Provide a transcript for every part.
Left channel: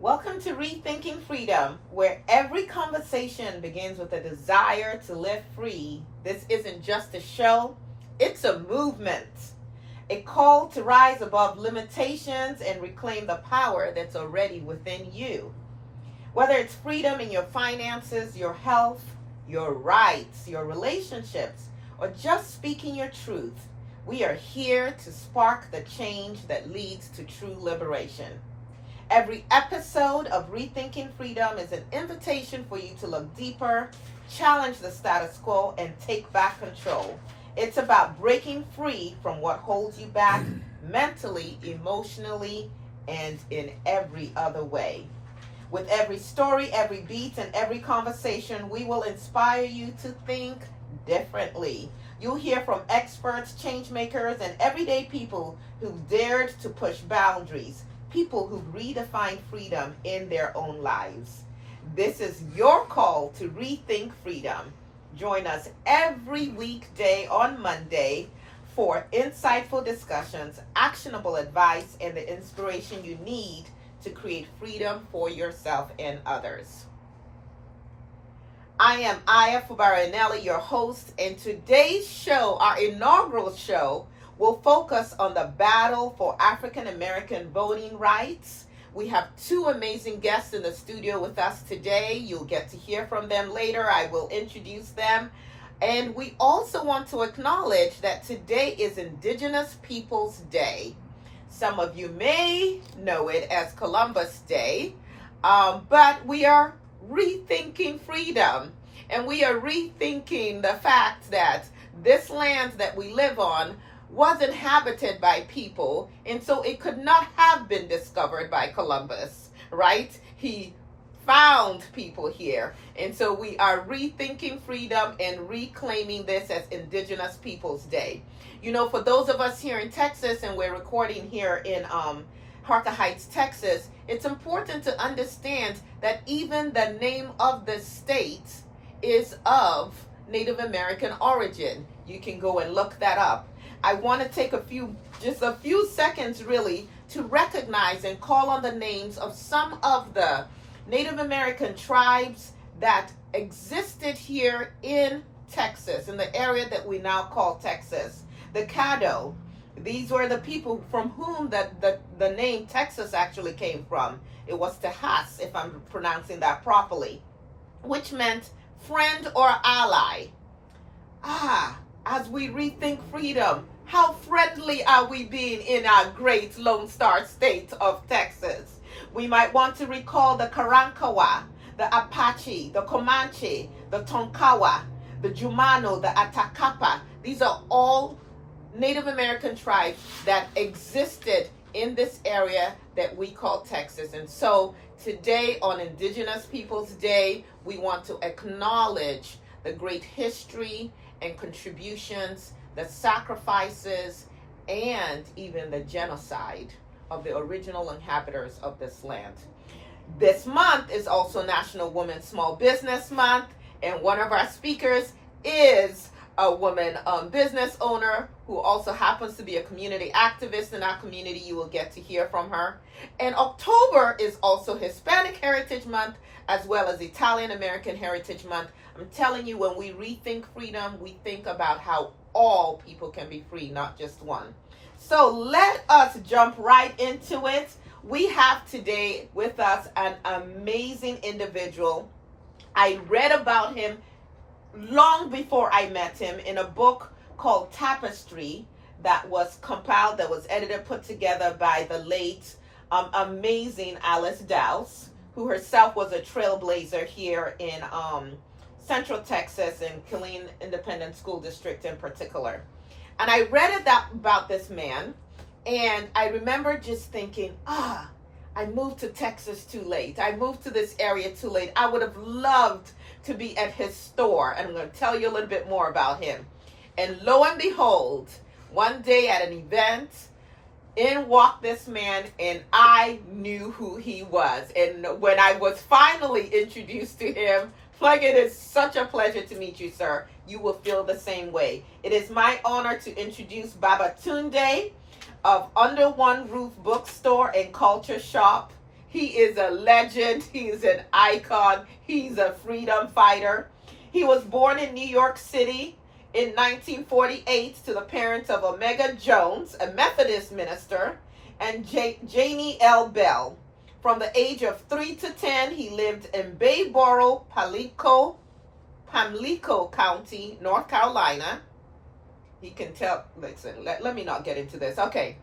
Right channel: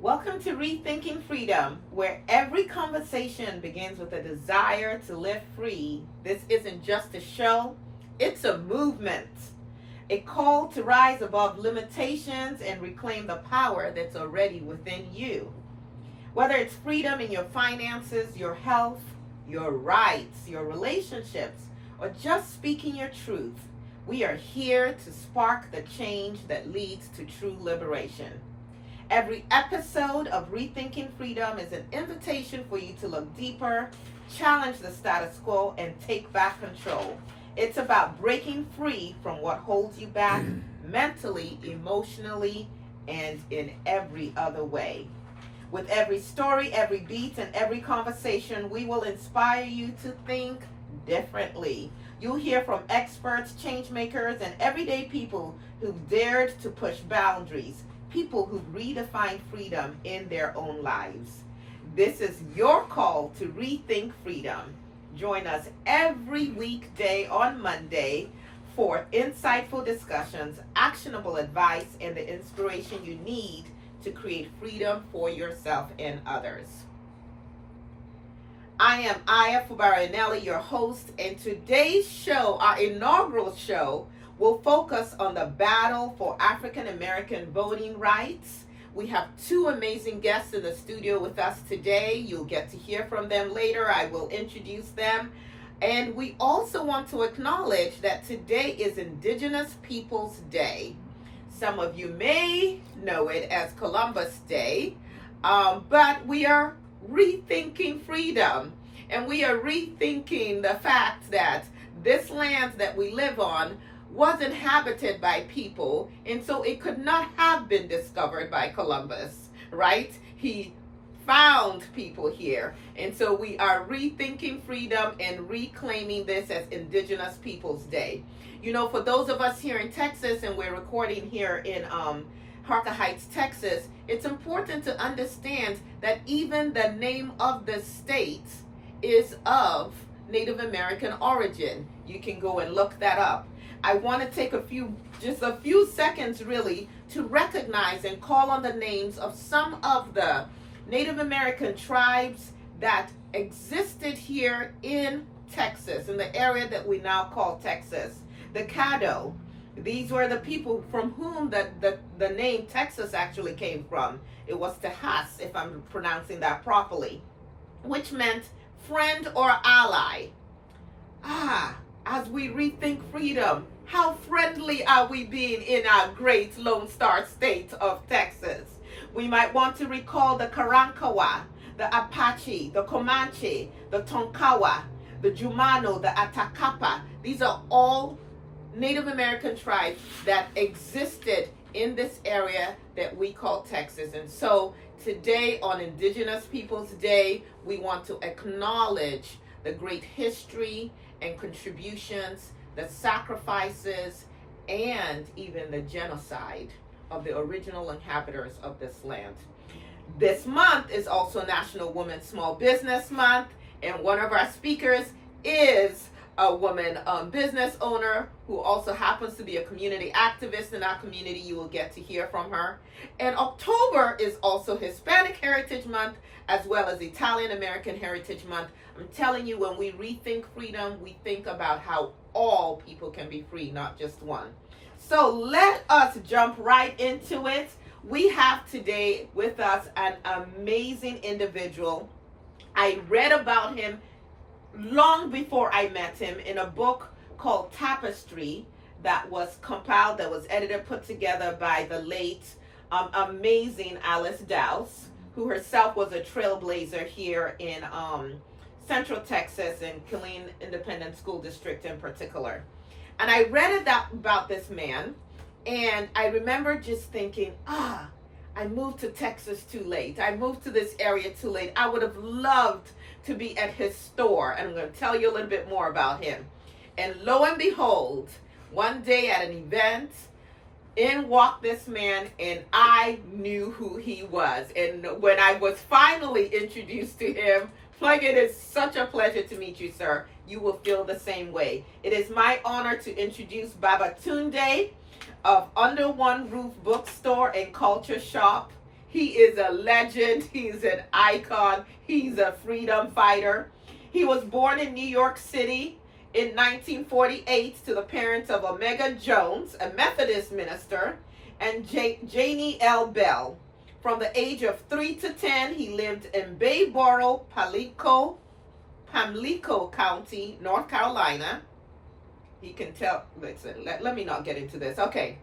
Welcome to Rethinking Freedom, where every conversation begins with a desire to live free. This isn't just a show, it's a movement, a call to rise above limitations and reclaim the power that's already within you. Whether it's freedom in your finances, your health, your rights, your relationships, or just speaking your truth, we are here to spark the change that leads to true liberation. Every episode of Rethinking Freedom is an invitation for you to look deeper, challenge the status quo, and take back control. It's about breaking free from what holds you back mentally, emotionally, and in every other way. With every story, every beat, and every conversation, we will inspire you to think differently. You'll hear from experts, change makers, and everyday people who've dared to push boundaries, people who've redefined freedom in their own lives. This is your call to rethink freedom. Join us every weekday on Monday for insightful discussions, actionable advice, and the inspiration you need to create freedom for yourself and others. I am Aya Fubaranelli, your host, and today's show, our inaugural show, will focus on the battle for African American voting rights. We have two amazing guests in the studio with us today. You'll get to hear from them later. I will introduce them. And we also want to acknowledge that today is Indigenous Peoples Day. Some of you may know it as Columbus Day, but we are rethinking freedom. And we are rethinking the fact that this land that we live on was inhabited by people, and so it could not have been discovered by Columbus, right? He found people here, and so we are rethinking freedom and reclaiming this as Indigenous Peoples Day. You know, for those of us here in Texas, and we're recording here in Harker Heights, Texas, it's important to understand that even the name of the state is of Native American origin. You can go and look that up. I want to take just a few seconds really to recognize and call on the names of some of the Native American tribes that existed here in Texas, in the area that we now call Texas. The Caddo, these were the people from whom the name Texas actually came from. It was Tejas, if I'm pronouncing that properly, which meant friend or ally. As we rethink freedom, how friendly are we being in our great Lone Star state of Texas? We might want to recall the Karankawa, the Apache, the Comanche, the Tonkawa, the Jumano, the Atacapa. These are all Native American tribes that existed in this area that we call Texas. And so today on Indigenous Peoples Day, we want to acknowledge the great history and contributions, the sacrifices, and even the genocide of the original inhabitants of this land. This month is also National Women's Small Business Month, and one of our speakers is a woman business owner who also happens to be a community activist in our community. You will get to hear from her. And October is also Hispanic Heritage Month, as well as Italian American Heritage Month. I'm telling you, when we rethink freedom, we think about how all people can be free, not just one. So let us jump right into it. We have today with us an amazing individual. I read about him long before I met him in a book called Tapestry that was compiled, that was edited, put together by the late, amazing Alice Dowse, who herself was a trailblazer here in Central Texas and Killeen Independent School District in particular. And I read about this man, and I remember just thinking, I moved to Texas too late. I moved to this area too late. I would have loved to be at his store, and I'm going to tell you a little bit more about him. And lo and behold, one day at an event, in walked this man, and I knew who he was. And when I was finally introduced to him, like, it is such a pleasure to meet you, sir. You will feel the same way. It is my honor to introduce Babatunde of Under One Roof Bookstore and Culture Shop. He is a legend. He is an icon. He's a freedom fighter. He was born in New York City in 1948 to the parents of Omega Jones, a Methodist minister, and Janie L. Bell. From the age of 3 to 10, he lived in Bayboro, Pamlico County, North Carolina. He can tell, listen, let me not get into this. Okay.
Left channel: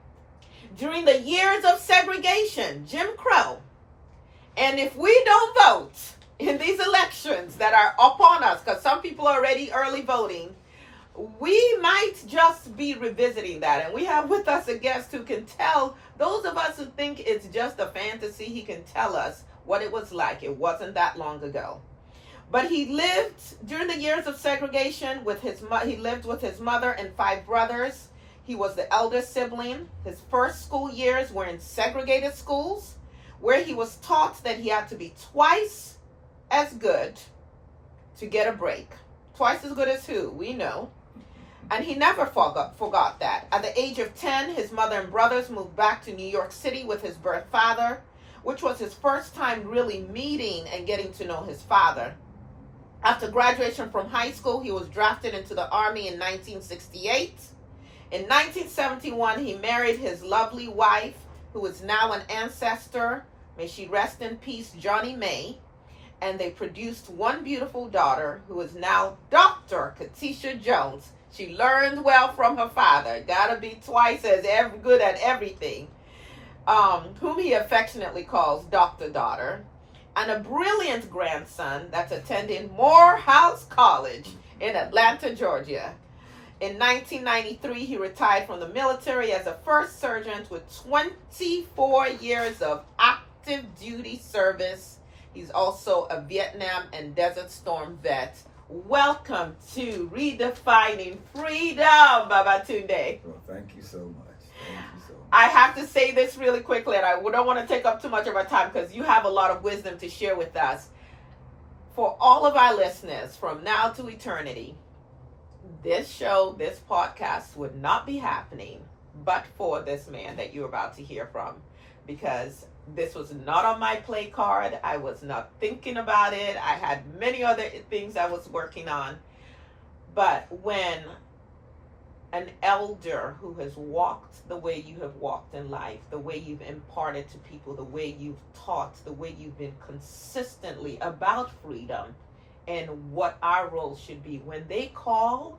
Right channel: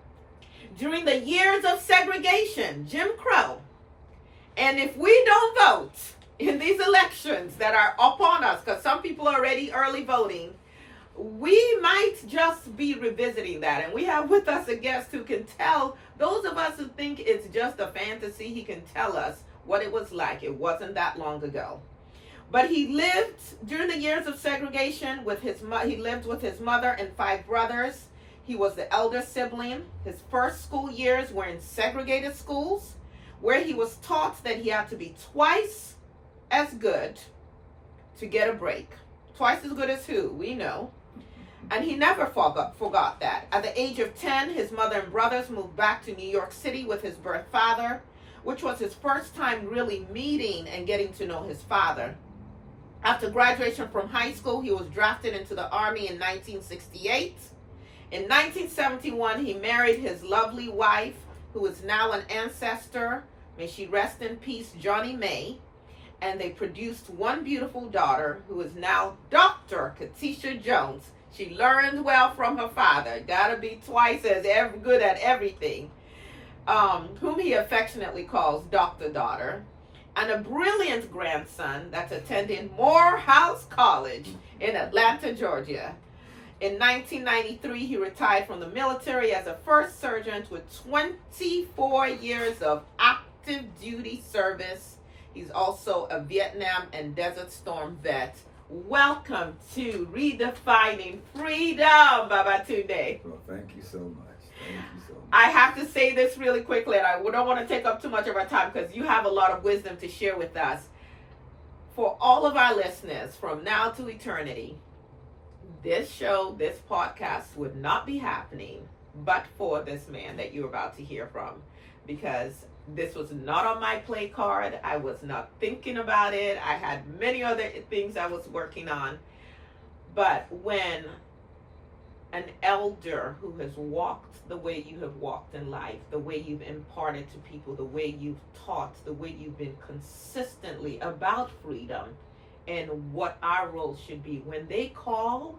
During the years of segregation, Jim Crow, and if we don't vote in these elections that are upon us, because some people are already early voting, we might just be revisiting that. And we have with us a guest who can tell those of us who think it's just a fantasy, he can tell us what it was like. It wasn't that long ago. But he lived during the years of segregation with he lived with his mother and 5 brothers. He was the elder sibling. His first school years were in segregated schools, where he was taught that he had to be twice as good to get a break. Twice as good as who? We know. And he never forgot that. At the age of 10, his mother and brothers moved back to New York City with his birth father, which was his first time really meeting and getting to know his father. After graduation from high school, he was drafted into the Army in 1968. In 1971, he married his lovely wife, who is now an ancestor, may she rest in peace, Johnny May, and they produced one beautiful daughter, who is now Dr. Katisha Jones. She learned well from her father, gotta be twice as good at everything, whom he affectionately calls Dr. Daughter, and a brilliant grandson that's attending Morehouse College in Atlanta, Georgia. In 1993, he retired from the military as a first sergeant with 24 years of active duty service. He's also a Vietnam and Desert Storm vet. Welcome to Redefining Freedom, Babatunde. Well, thank you so much. Thank you so much. I have to say this really quickly, and I don't want to take up too much of our time because you have a lot of wisdom to share with us. For all of our listeners, from now to eternity, this show, this podcast would not be happening but for this man that you're about to hear from, because this was not on my play card. I was not thinking about it. I had many other things I was working on. But when an elder who has walked the way you have walked in life, the way you've imparted to people, the way you've taught, the way you've been consistently about freedom and what our role should be, when they call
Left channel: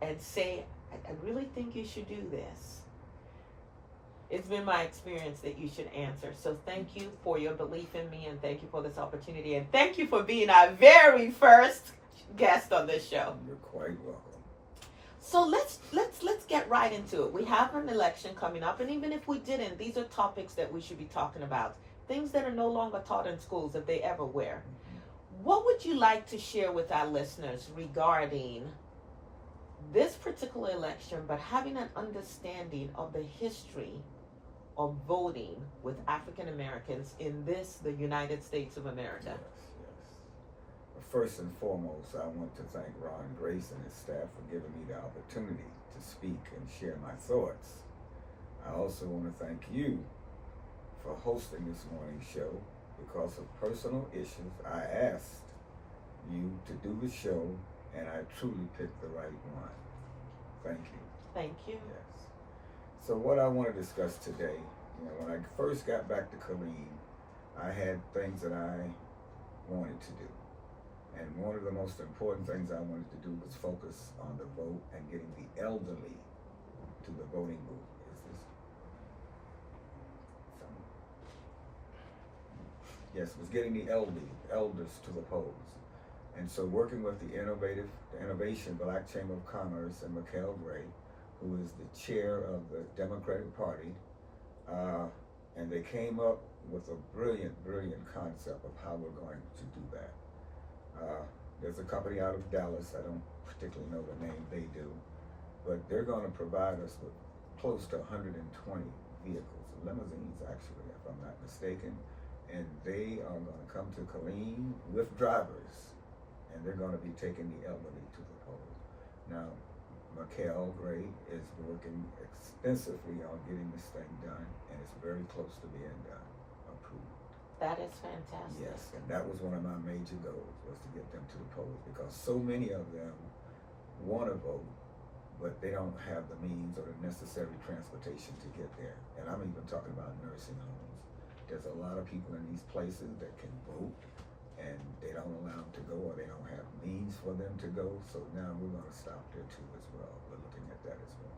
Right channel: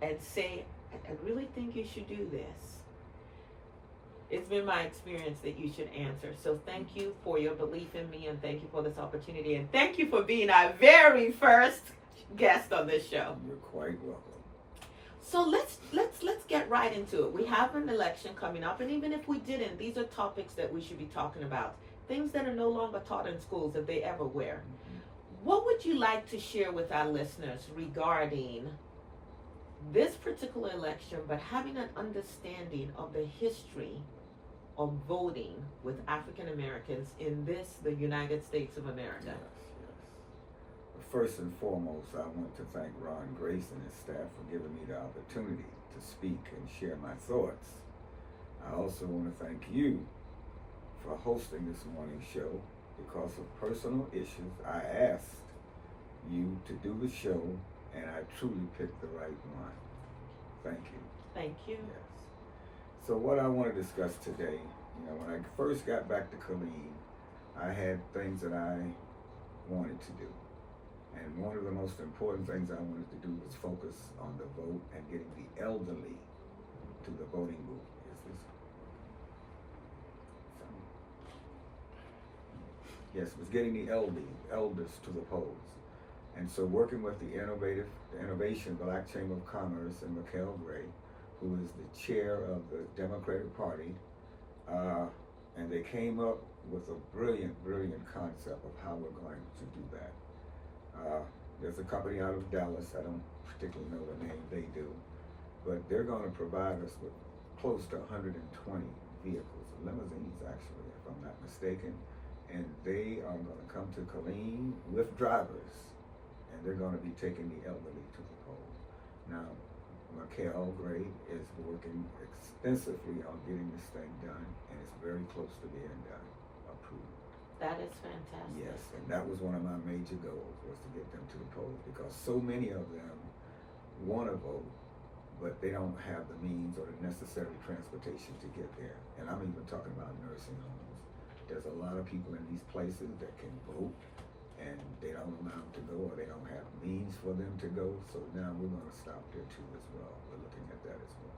and say, I really think you should do this, it's been my experience that you should answer. So thank you for your belief in me, and thank you for this opportunity, and thank you for being our very first guest on this show. You're quite welcome. So let's get right into it. We have an election coming up, and even if we didn't, these are topics that we should be talking about. Things that are no longer taught in schools, if they ever were. Mm-hmm. What would you like to share with our listeners regarding this particular election, but having an understanding of the history of voting with African Americans in the United States of America? Yes. First and foremost, I want to thank Ron Grace and his staff for giving me the opportunity to speak and share my thoughts. I also want to thank you for hosting this morning's show. Because of personal issues, I asked you to do the show, and I truly picked the right one. Thank you. Thank you. Yes. So what I want to discuss today, when I first got back to Killeen, I had things that I wanted to do. And one of the most important things I wanted to do was focus on the vote and getting the elderly to the voting booth. Yes, it was getting the elders to the polls. And so working with the Innovation Black Chamber of Commerce and Mikhail Gray, who is the chair of the Democratic Party, and they came up with a brilliant concept of how we're going to do that. There's a company out of Dallas, I don't particularly know the name, they do, but they're going to provide us with close to 120 vehicles, limousines actually, if I'm not mistaken, and they are going to come to Killeen with drivers, and they're going to be taking the elderly to the polls. Now, Mikhail Gray is working extensively on getting this thing done, and it's very close to being done, approved. That is fantastic. Yes, and that was one of my major goals, was to get them to the polls, because so many of them want to vote, but they don't have the means or the necessary transportation to get there. And I'm even talking about nursing homes. There's a lot of people in these places that can vote, and they don't allow them to go, or they don't have means for them to go. So now we're going to stop there too as well. We're looking at that as well.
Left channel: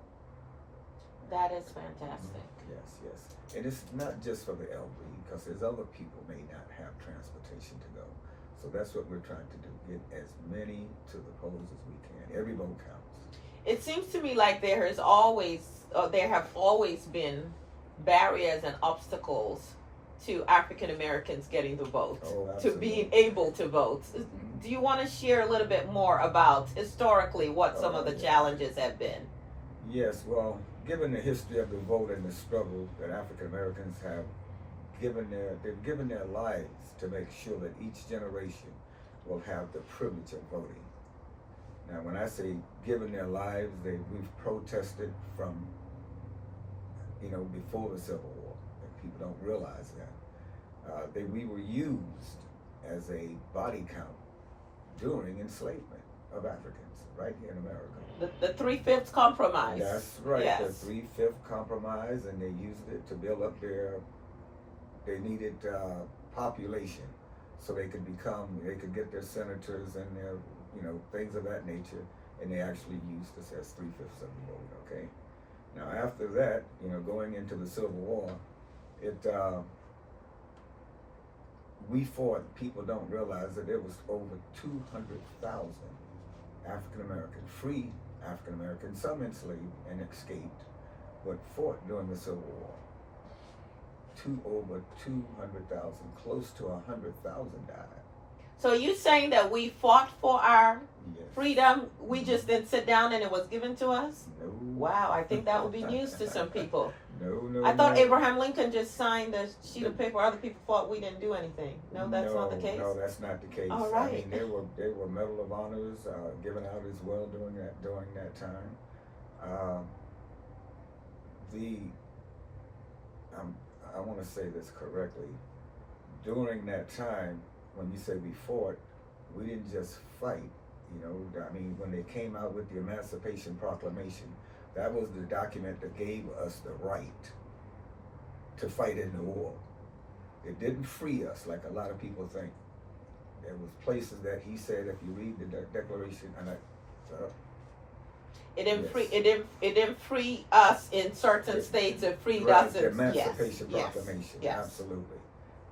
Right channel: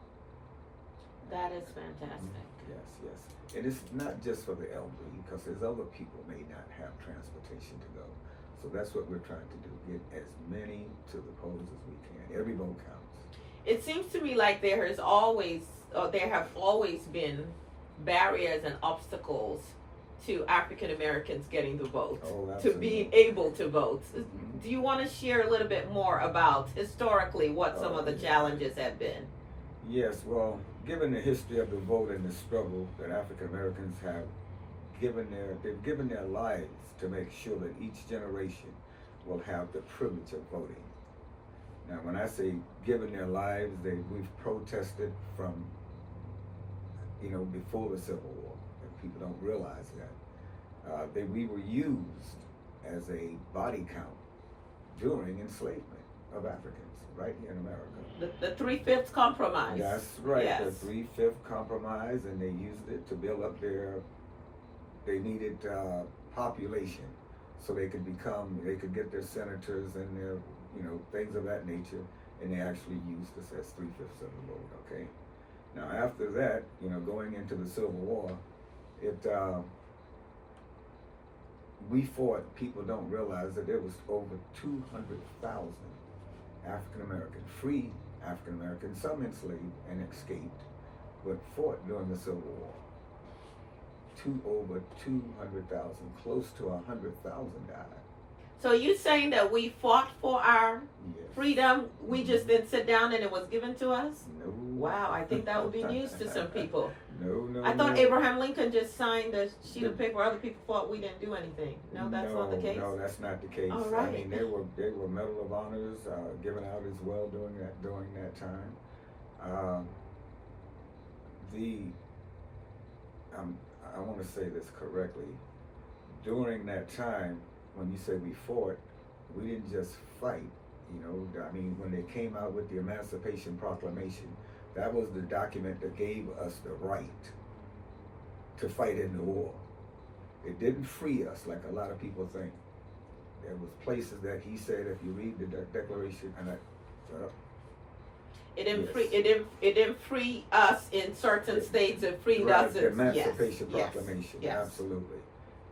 That is fantastic. Yes, yes. And it's not just for the elderly, because there's other people may not have transportation to go. So that's what we're trying to do, get as many to the polls as we can. Every vote counts. It seems to me like there have always been barriers and obstacles to African Americans getting the vote, to being able to vote. Mm-hmm. Do you want to share a little bit more about historically what some of the challenges have been? Yes, well, given the history of the vote and the struggle that African Americans have they've given their lives to make sure that each generation will have the privilege of voting. Now, when I say given their lives, we've protested from, before the Civil War, and people don't realize that. We were used as a body count during enslavement of Africans right here in America. The 3/5 compromise. That's right, yes. The 3/5 compromise, and they used it to build up they needed population, so they could get their senators and their, things of that nature, and they actually used us as 3/5 of the vote, okay? Now after that, going into the Civil War, we fought. People don't realize that there was over 200,000 African American, free African Americans, some enslaved and escaped, but fought during the Civil War. Over 200,000, close to 100,000 died. So you're saying that we fought for our Yes. freedom? We just didn't sit down and it was given to us? No. Wow, I think that would be news to some people. No. I thought Abraham Lincoln just signed the sheet of paper. Other people thought we didn't do anything. No, that's not the case. No, that's not the case. All right. I mean, there were Medal of Honors given out as well during that time. I want to say this correctly. During that time, when you say we fought, we didn't just fight. I mean, when they came out with the Emancipation Proclamation, that was the document that gave us the right to fight in the war. It didn't free us like a lot of people think. There was places that he said, if you read the Declaration, and it didn't free us in certain states. It freed us the Emancipation yes, Proclamation, yes. Absolutely.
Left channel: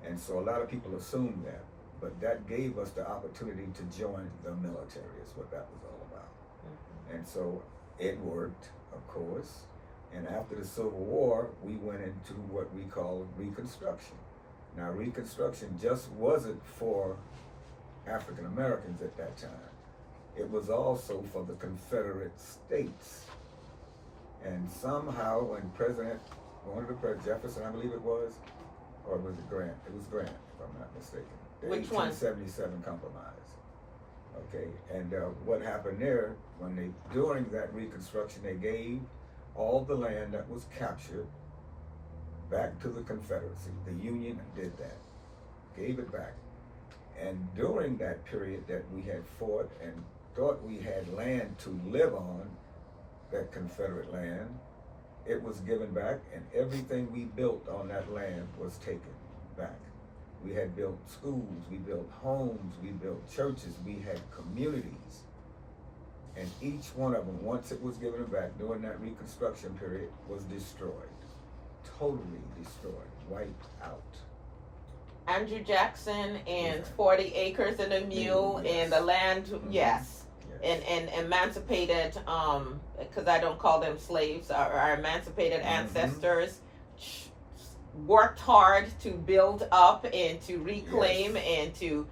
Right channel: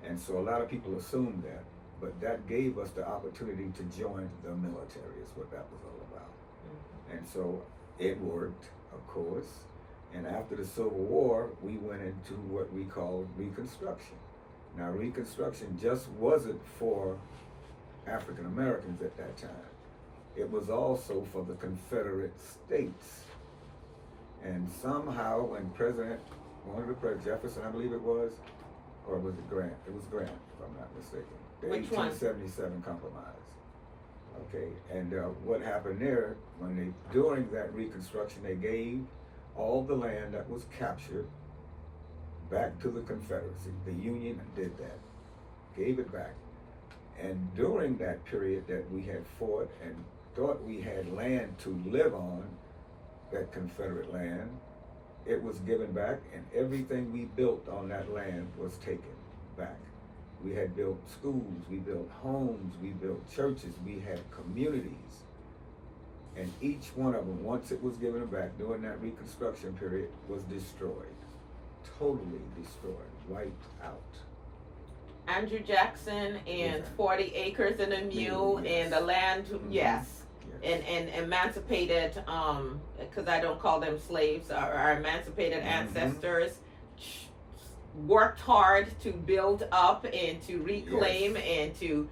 And so a lot of people assume that, but that gave us the opportunity to join the military, is what that was all about. Mm-hmm. And so it worked, of course. And after the Civil War, we went into what we call Reconstruction. Now, Reconstruction just wasn't for African Americans at that time. It was also for the Confederate States. And somehow when Jefferson, I believe it was, or was it Grant? It was Grant, if I'm not mistaken. The Which 1877 Compromise. Okay, and what happened there, during that Reconstruction, they gave all the land that was captured back to the Confederacy. The Union did that, gave it back. And during that period that we had fought and thought we had land to live on, that Confederate land, it was given back, and everything we built on that land was taken back. We had built schools, we built homes, we built churches, we had communities. And each one of them, once it was given back during that Reconstruction period, was destroyed. Totally destroyed, wiped out. Andrew Jackson and 40 acres and a mule, yes. And the land, yes. And emancipated, because I don't call them slaves, our emancipated ancestors worked hard to build up and to reclaim and to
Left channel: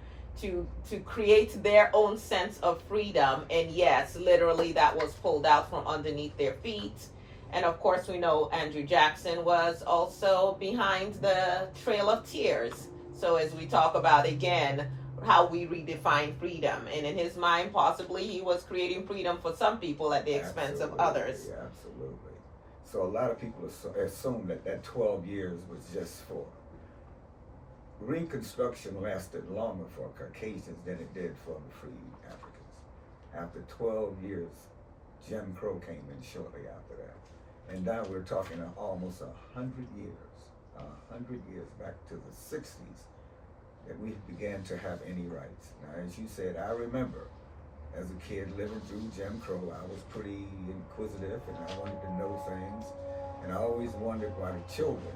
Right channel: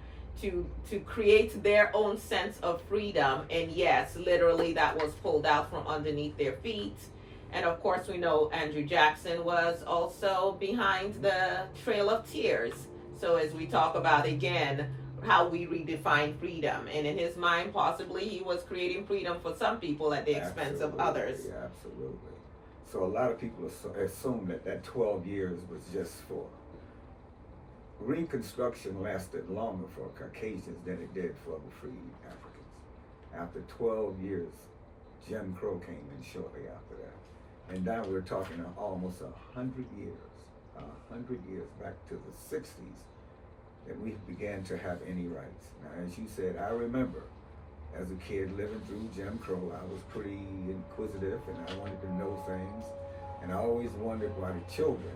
create their own sense of freedom. And yes, literally that was pulled out from underneath their feet. And of course we know Andrew Jackson was also behind the Trail of Tears. So as we talk about again, how we redefine freedom, and in his mind possibly he was creating freedom for some people at the expense of others. Absolutely. So a lot of people assume that 12 years was just for Reconstruction lasted longer for Caucasians than it did for the free Africans. After 12 years, Jim Crow came in shortly after that. And now we're talking almost 100 years back to the 60s that we began to have any rights. Now, as you said, I remember as a kid living through Jim Crow, I was pretty inquisitive and I wanted to know things. And I always wondered why the children,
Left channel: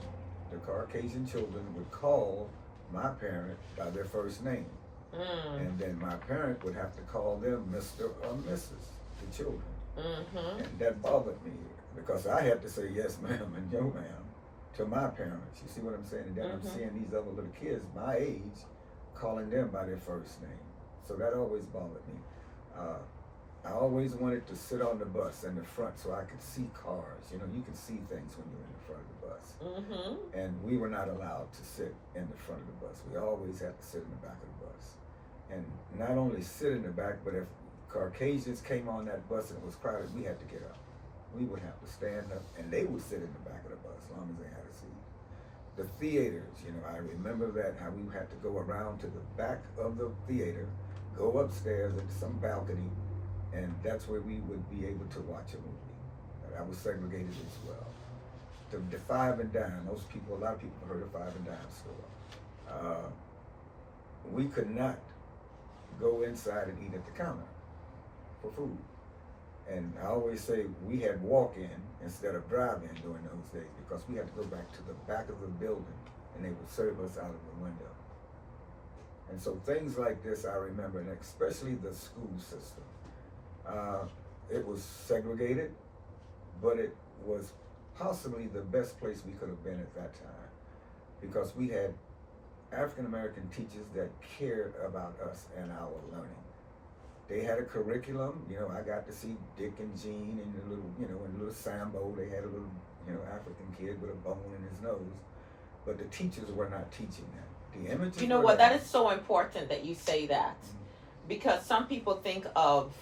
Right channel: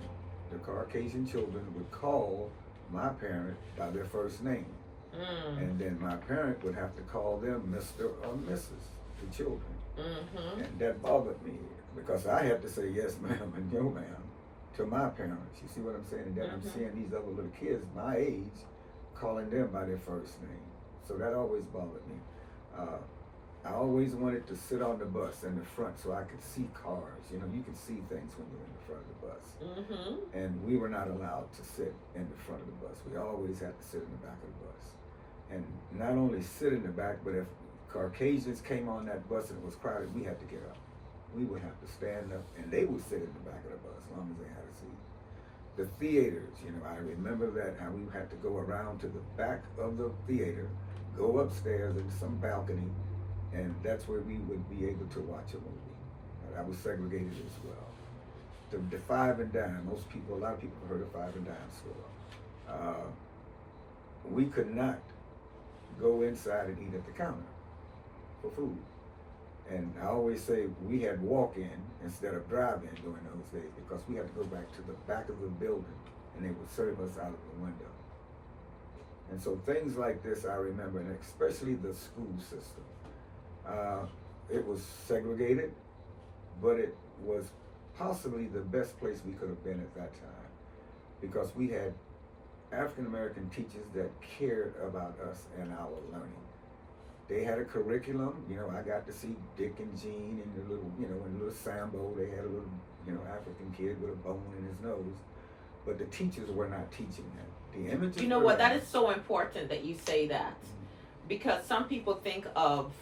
the Caucasian children, would call my parent by their first name. And then my parent would have to call them Mr. or Mrs., the children. And that bothered me because I had to say yes ma'am and no ma'am to my parents. You see what I'm saying? And then I'm seeing these other little kids my age calling them by their first name. So that always bothered me. I always wanted to sit on the bus in the front so I could see cars. You know, you can see things when you're in the front of the bus. And we were not allowed to sit in the front of the bus. We always had to sit in the back of the bus. And not only sit in the back, but if Caucasians came on that bus and it was crowded, we had to get up. We would have to stand up and they would sit in the back of the bus as long as they had a seat. The theaters, you know, I remember that how we had to go around to the back of the theater, go upstairs into some balcony, and that's where we would be able to watch a movie. That was segregated as well. The Five and Dime, a lot of people have heard of Five and Dime store. We could not go inside and eat at the counter for food. And I always say we had walk-in instead of drive-in during those days because we had to go back to the back of the building and they would serve us out of the window. And so things like this I remember, and especially the school system. It was segregated, but it was possibly the best place we could have been at that time because we had African American teachers that cared about us and our learning. They had a curriculum, you know, I got to see Dick and Jean in the little, you know, in the little Sambo, they had a little, you know, African kid with a bone in his nose, but the teachers were not teaching that. The images. You know what, that is so important that you say that because some people think of,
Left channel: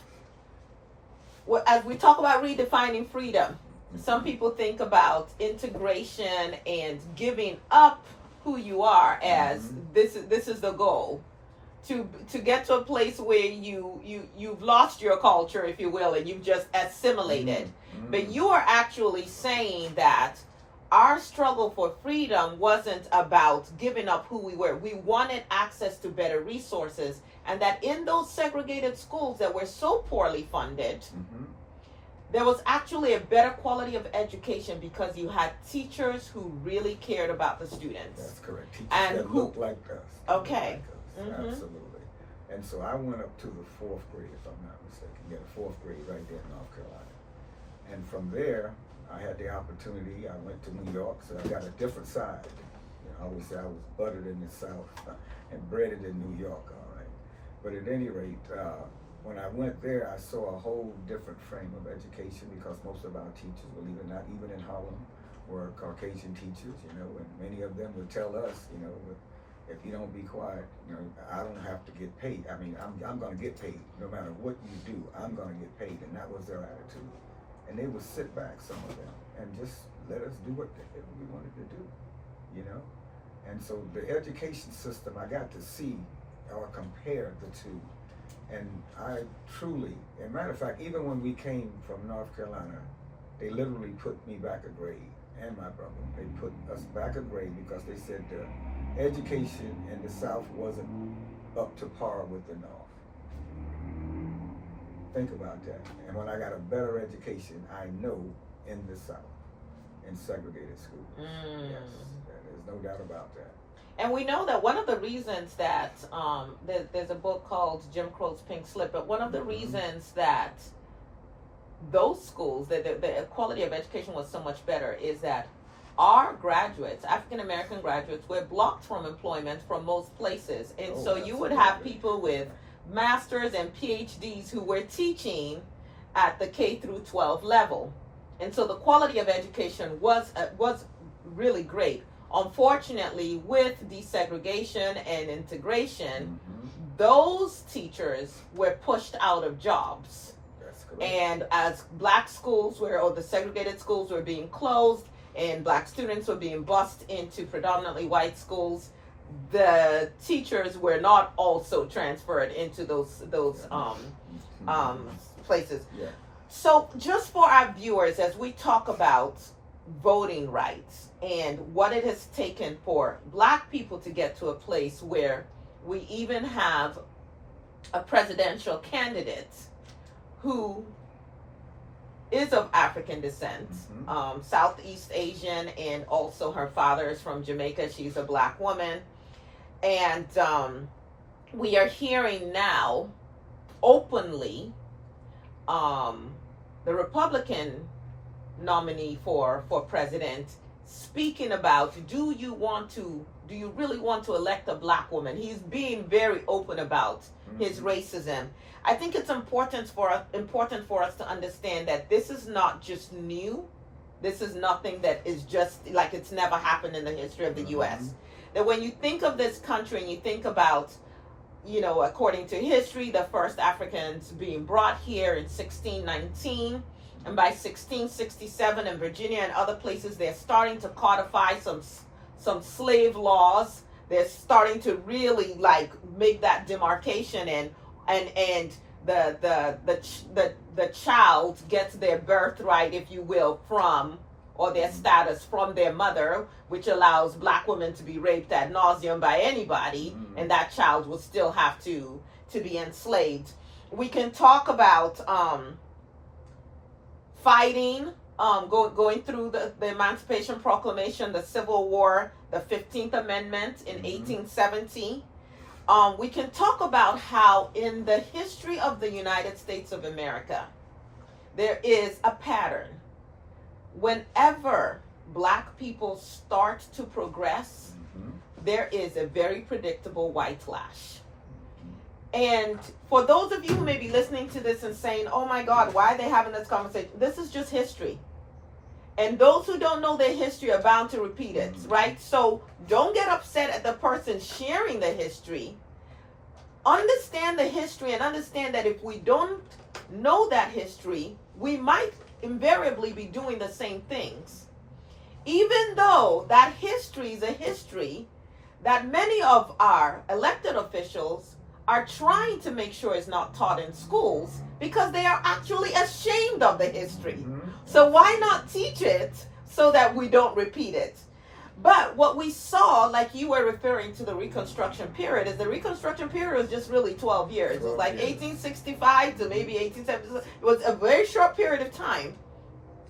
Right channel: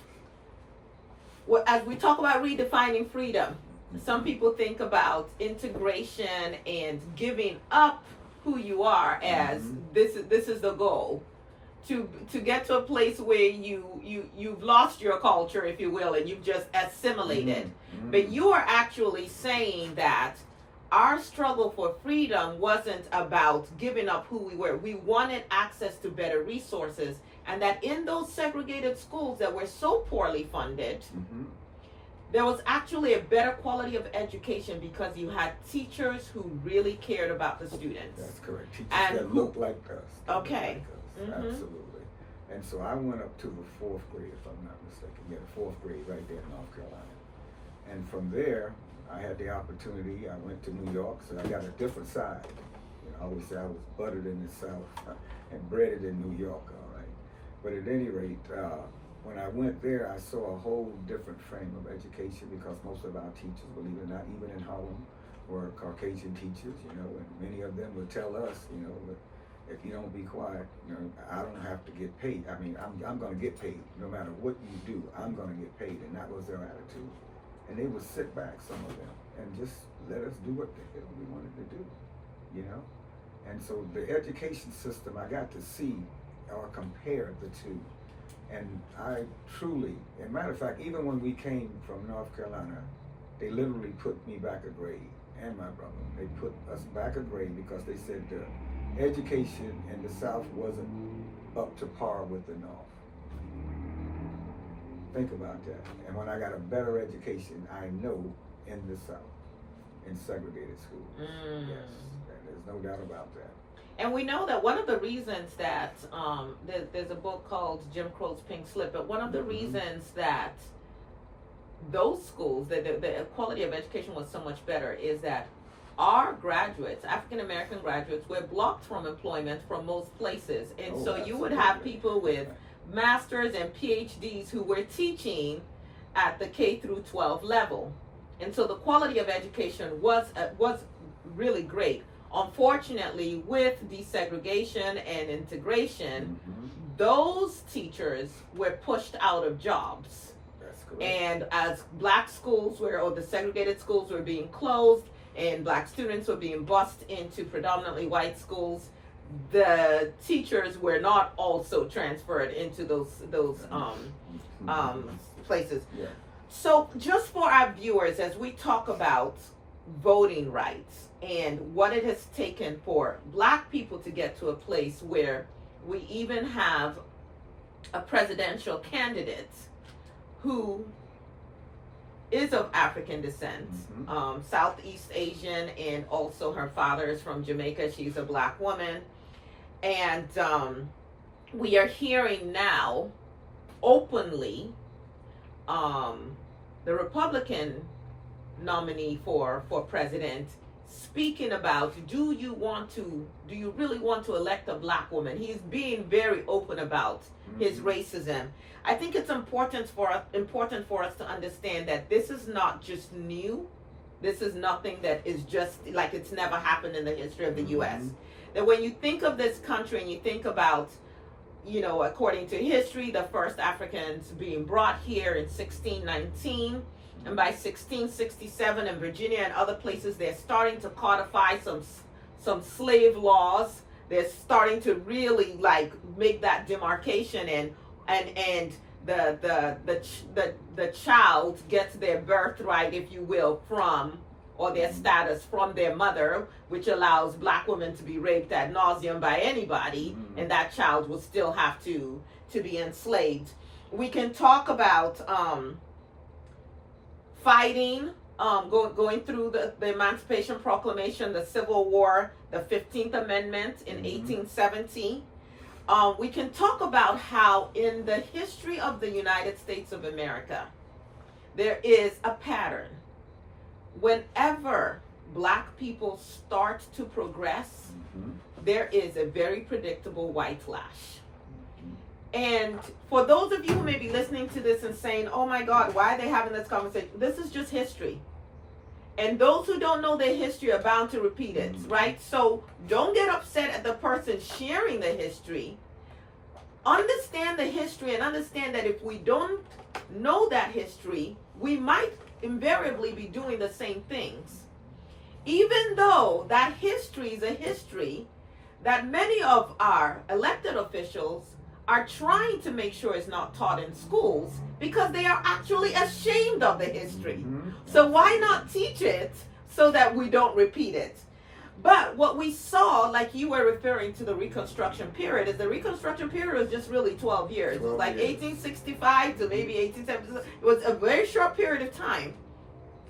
well, as we talk about redefining freedom, some people think about integration and giving up who you are as this is the goal to get to a place where you've lost your culture, if you will, and you've just assimilated. But you are actually saying that our struggle for freedom wasn't about giving up who we were. We wanted access to better resources, and that in those segregated schools that were so poorly funded, there was actually a better quality of education because you had teachers who really cared about the students. That's correct. Teachers and that looked like us. Okay. Like us. Absolutely. And so I went up to the 4th grade, if I'm not mistaken. Yeah, the 4th grade right there in North Carolina. And from there, I had the opportunity. I went to New York, so I got a different side. You know, I always say I was buttered in the South and breaded in New York, all right. But at any rate, when I went there, I saw a whole different frame of education because most of our teachers, believe it or not, even in Harlem, were Caucasian teachers, you know, and many of them would tell us, you know, if you don't be quiet, you know, I don't have to get paid. I mean, I'm going to get paid. No matter what you do, I'm going to get paid. And that was their attitude. And they would sit back, some of them, and just let us do what the hell we wanted to do, you know? And so the education system, I got to see or compare the two. And I truly, as a matter of fact, even when we came from North Carolina, they literally put me back a grade, and my brother. They put us back a grade because they said the education in the South wasn't up to par with the North. Think about that. And when I got a better education, I know in the South, in segregated schools. Yes, there's no doubt about that. And we know that one of the reasons that there's a book called Jim Crow's Pink Slip, but one of the reasons that those schools, the quality of education was so much better is that our graduates, African American graduates, were blocked from employment from most places. And so you would have people with masters and PhDs who were teaching at the K through 12 level. And so the quality of education was really great. Unfortunately, with desegregation and integration, those teachers were pushed out of jobs. That's correct. And as black schools or the segregated schools were being closed and black students were being bused into predominantly white schools, the teachers were not also transferred into those places. Yeah. So, just for our viewers, as we talk about voting rights and what it has taken for Black people to get to a place where we even have a presidential candidate who is of African descent, Southeast Asian, and also her father is from Jamaica. She's a Black woman. And we are hearing now openly the Republican nominee for president speaking about, do you really want to elect a Black woman? He's being very open about his racism. I think it's important for us to understand that this is not just new. This is nothing that is just like it's never happened in the history of the U.S. That when you think of this country and you think about, according to history, the first Africans being brought here in 1619, and by 1667 in Virginia and other places, they're starting to codify some slave laws. They're starting to really make that demarcation, and the child gets their birthright, if you will, from, or their status from their mother, which allows Black women to be raped ad nauseum by anybody, and that child will still have to be enslaved. We can talk about fighting, going through the Emancipation Proclamation, the Civil War, the 15th Amendment in 1870. We can talk about how in the history of the United States of America, there is a pattern. Whenever Black people start to progress, there is a very predictable white flash. And for those of you who may be listening to this and saying, oh my God, why are they having this conversation? This is just history. And those who don't know their history are bound to repeat it, right? So don't get upset at the person sharing the history. Understand the history and understand that if we don't know that history, we might invariably be doing the same things. Even though that history is a history that many of our elected officials are trying to make sure is not taught in schools because they are actually ashamed of the history. So why not teach it so that we don't repeat it? But what we saw, like you were referring to the Reconstruction period, is the Reconstruction period was just really 12 years. It was like 1865 to maybe 1870. It was a very short period of time.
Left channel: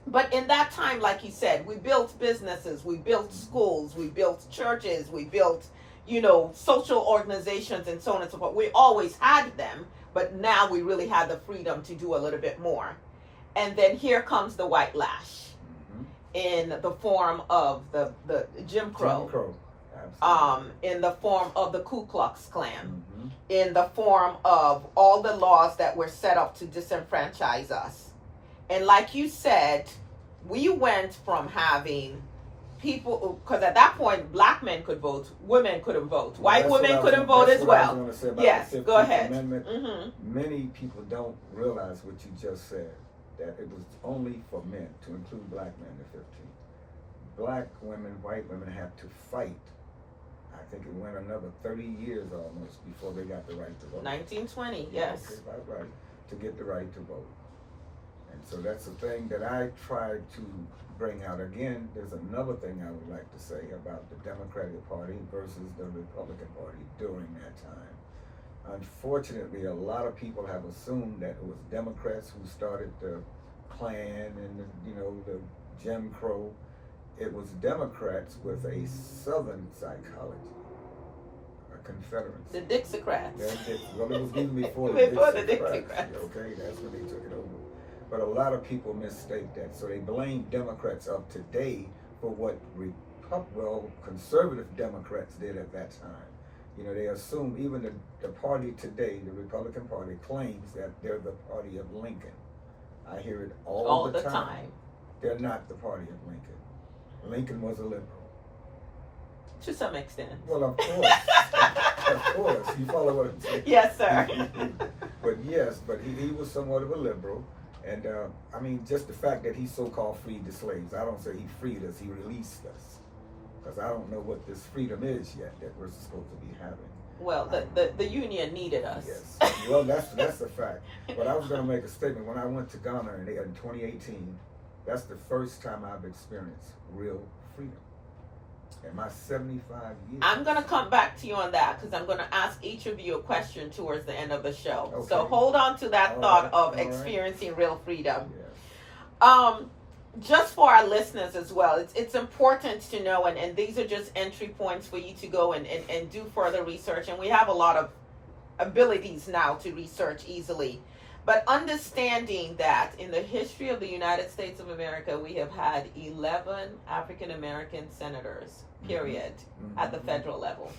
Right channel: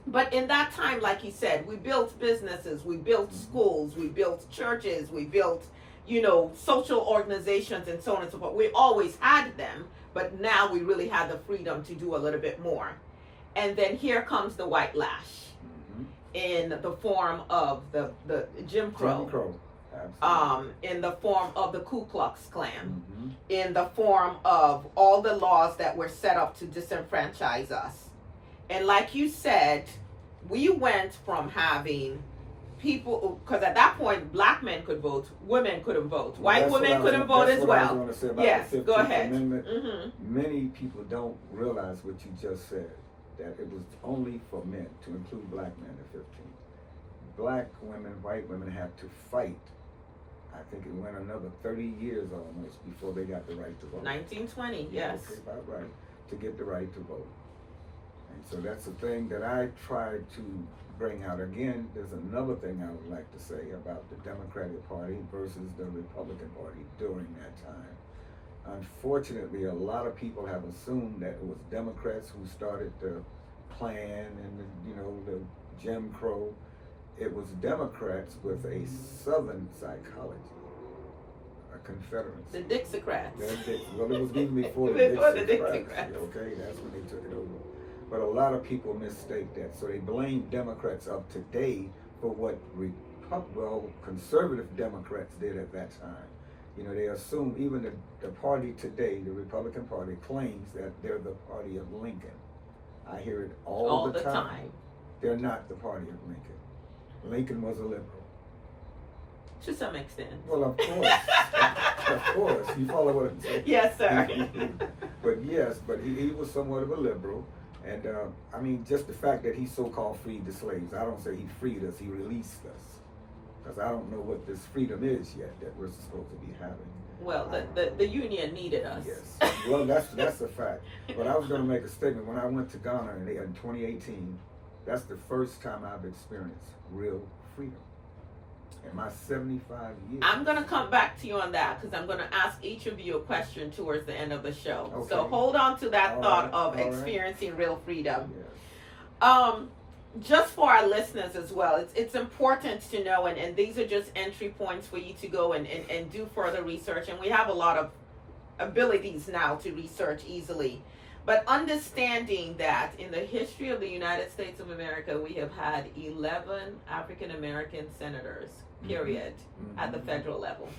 But in that time, like you said, we built businesses, we built schools, we built churches, we built, social organizations and so on and so forth. We always had them, but now we really had the freedom to do a little bit more. And then here comes the white lash in the form of the Jim Crow. In the form of the Ku Klux Klan, in the form of all the laws that were set up to disenfranchise us. And like you said, we went from having people, because at that point, Black men could vote, women couldn't vote, white women couldn't vote as well. Yes, go ahead. Many people don't realize what you just said, that it was only for men, to include Black men in 15. Black women, white women have to fight. I think it went another 30 years almost before they got the right to vote. 1920, yes. Okay, about right, to get the right to vote. And so that's the thing that I tried to bring out. Again, there's another thing I would like to say about the Democratic Party versus the Republican Party during that time. Unfortunately, a lot of people have assumed that it was Democrats who started the Klan and the Jim Crow. It was Democrats with a Southern psychology, a Confederacy. The Dixiecrats. Well, it was even before the Dixiecrats. Okay, that's when they took it over. But a lot of people mistake that. So they blame Democrats of today for what conservative Democrats did at that time. They assume even the party today, the Republican Party, claims that they're the party of Lincoln. I hear it all the time. They're not the party of Lincoln. Lincoln was a liberal. To some extent. Well, of course. Of course. You follow what I'm saying? Yes, sir. But he was somewhat of a liberal. And just the fact that he so-called freed the slaves. I don't say he freed us, he released us. because I don't know what this freedom is yet that we're supposed to be having. Well, the union needed us. Yes. Well, that's a fact. But I was going to make a statement. When I went to Ghana in 2018, that's the first time I've experienced real freedom in my 75 years. I'm going to come back to you on that because I'm going to ask each of you a question towards the end of the show. Okay. So hold on to that thought of experiencing real freedom. Yes. Just for our listeners as well, it's important to know, and these are just entry points for you to go and do further research. And we have a lot of abilities now to research easily. But understanding that in the history of the United States of America, we have had 11 African American senators, period, at the federal level.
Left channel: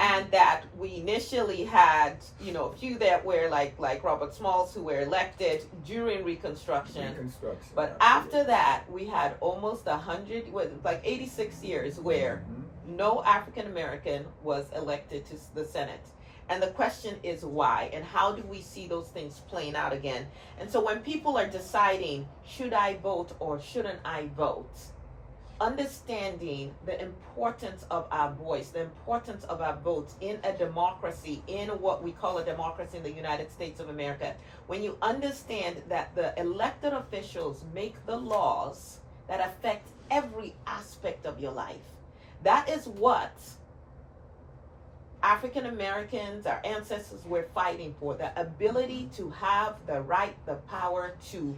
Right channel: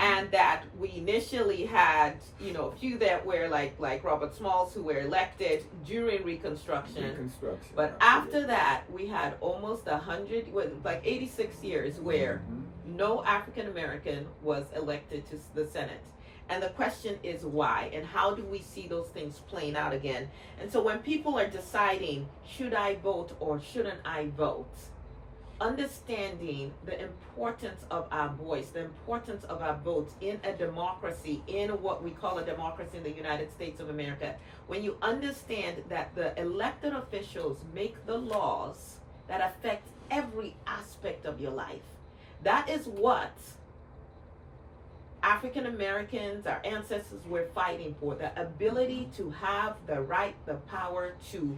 And that we initially had, a few that were like Robert Smalls, who were elected during Reconstruction. But after that, we had almost 86 years where no African American was elected to the Senate. And the question is why, and how do we see those things playing out again? And so when people are deciding, should I vote or shouldn't I vote? Understanding the importance of our voice, the importance of our votes in a democracy, in what we call a democracy in the United States of America. When you understand that the elected officials make the laws that affect every aspect of your life, that is what African Americans, our ancestors, were fighting for. The ability to have the right, the power to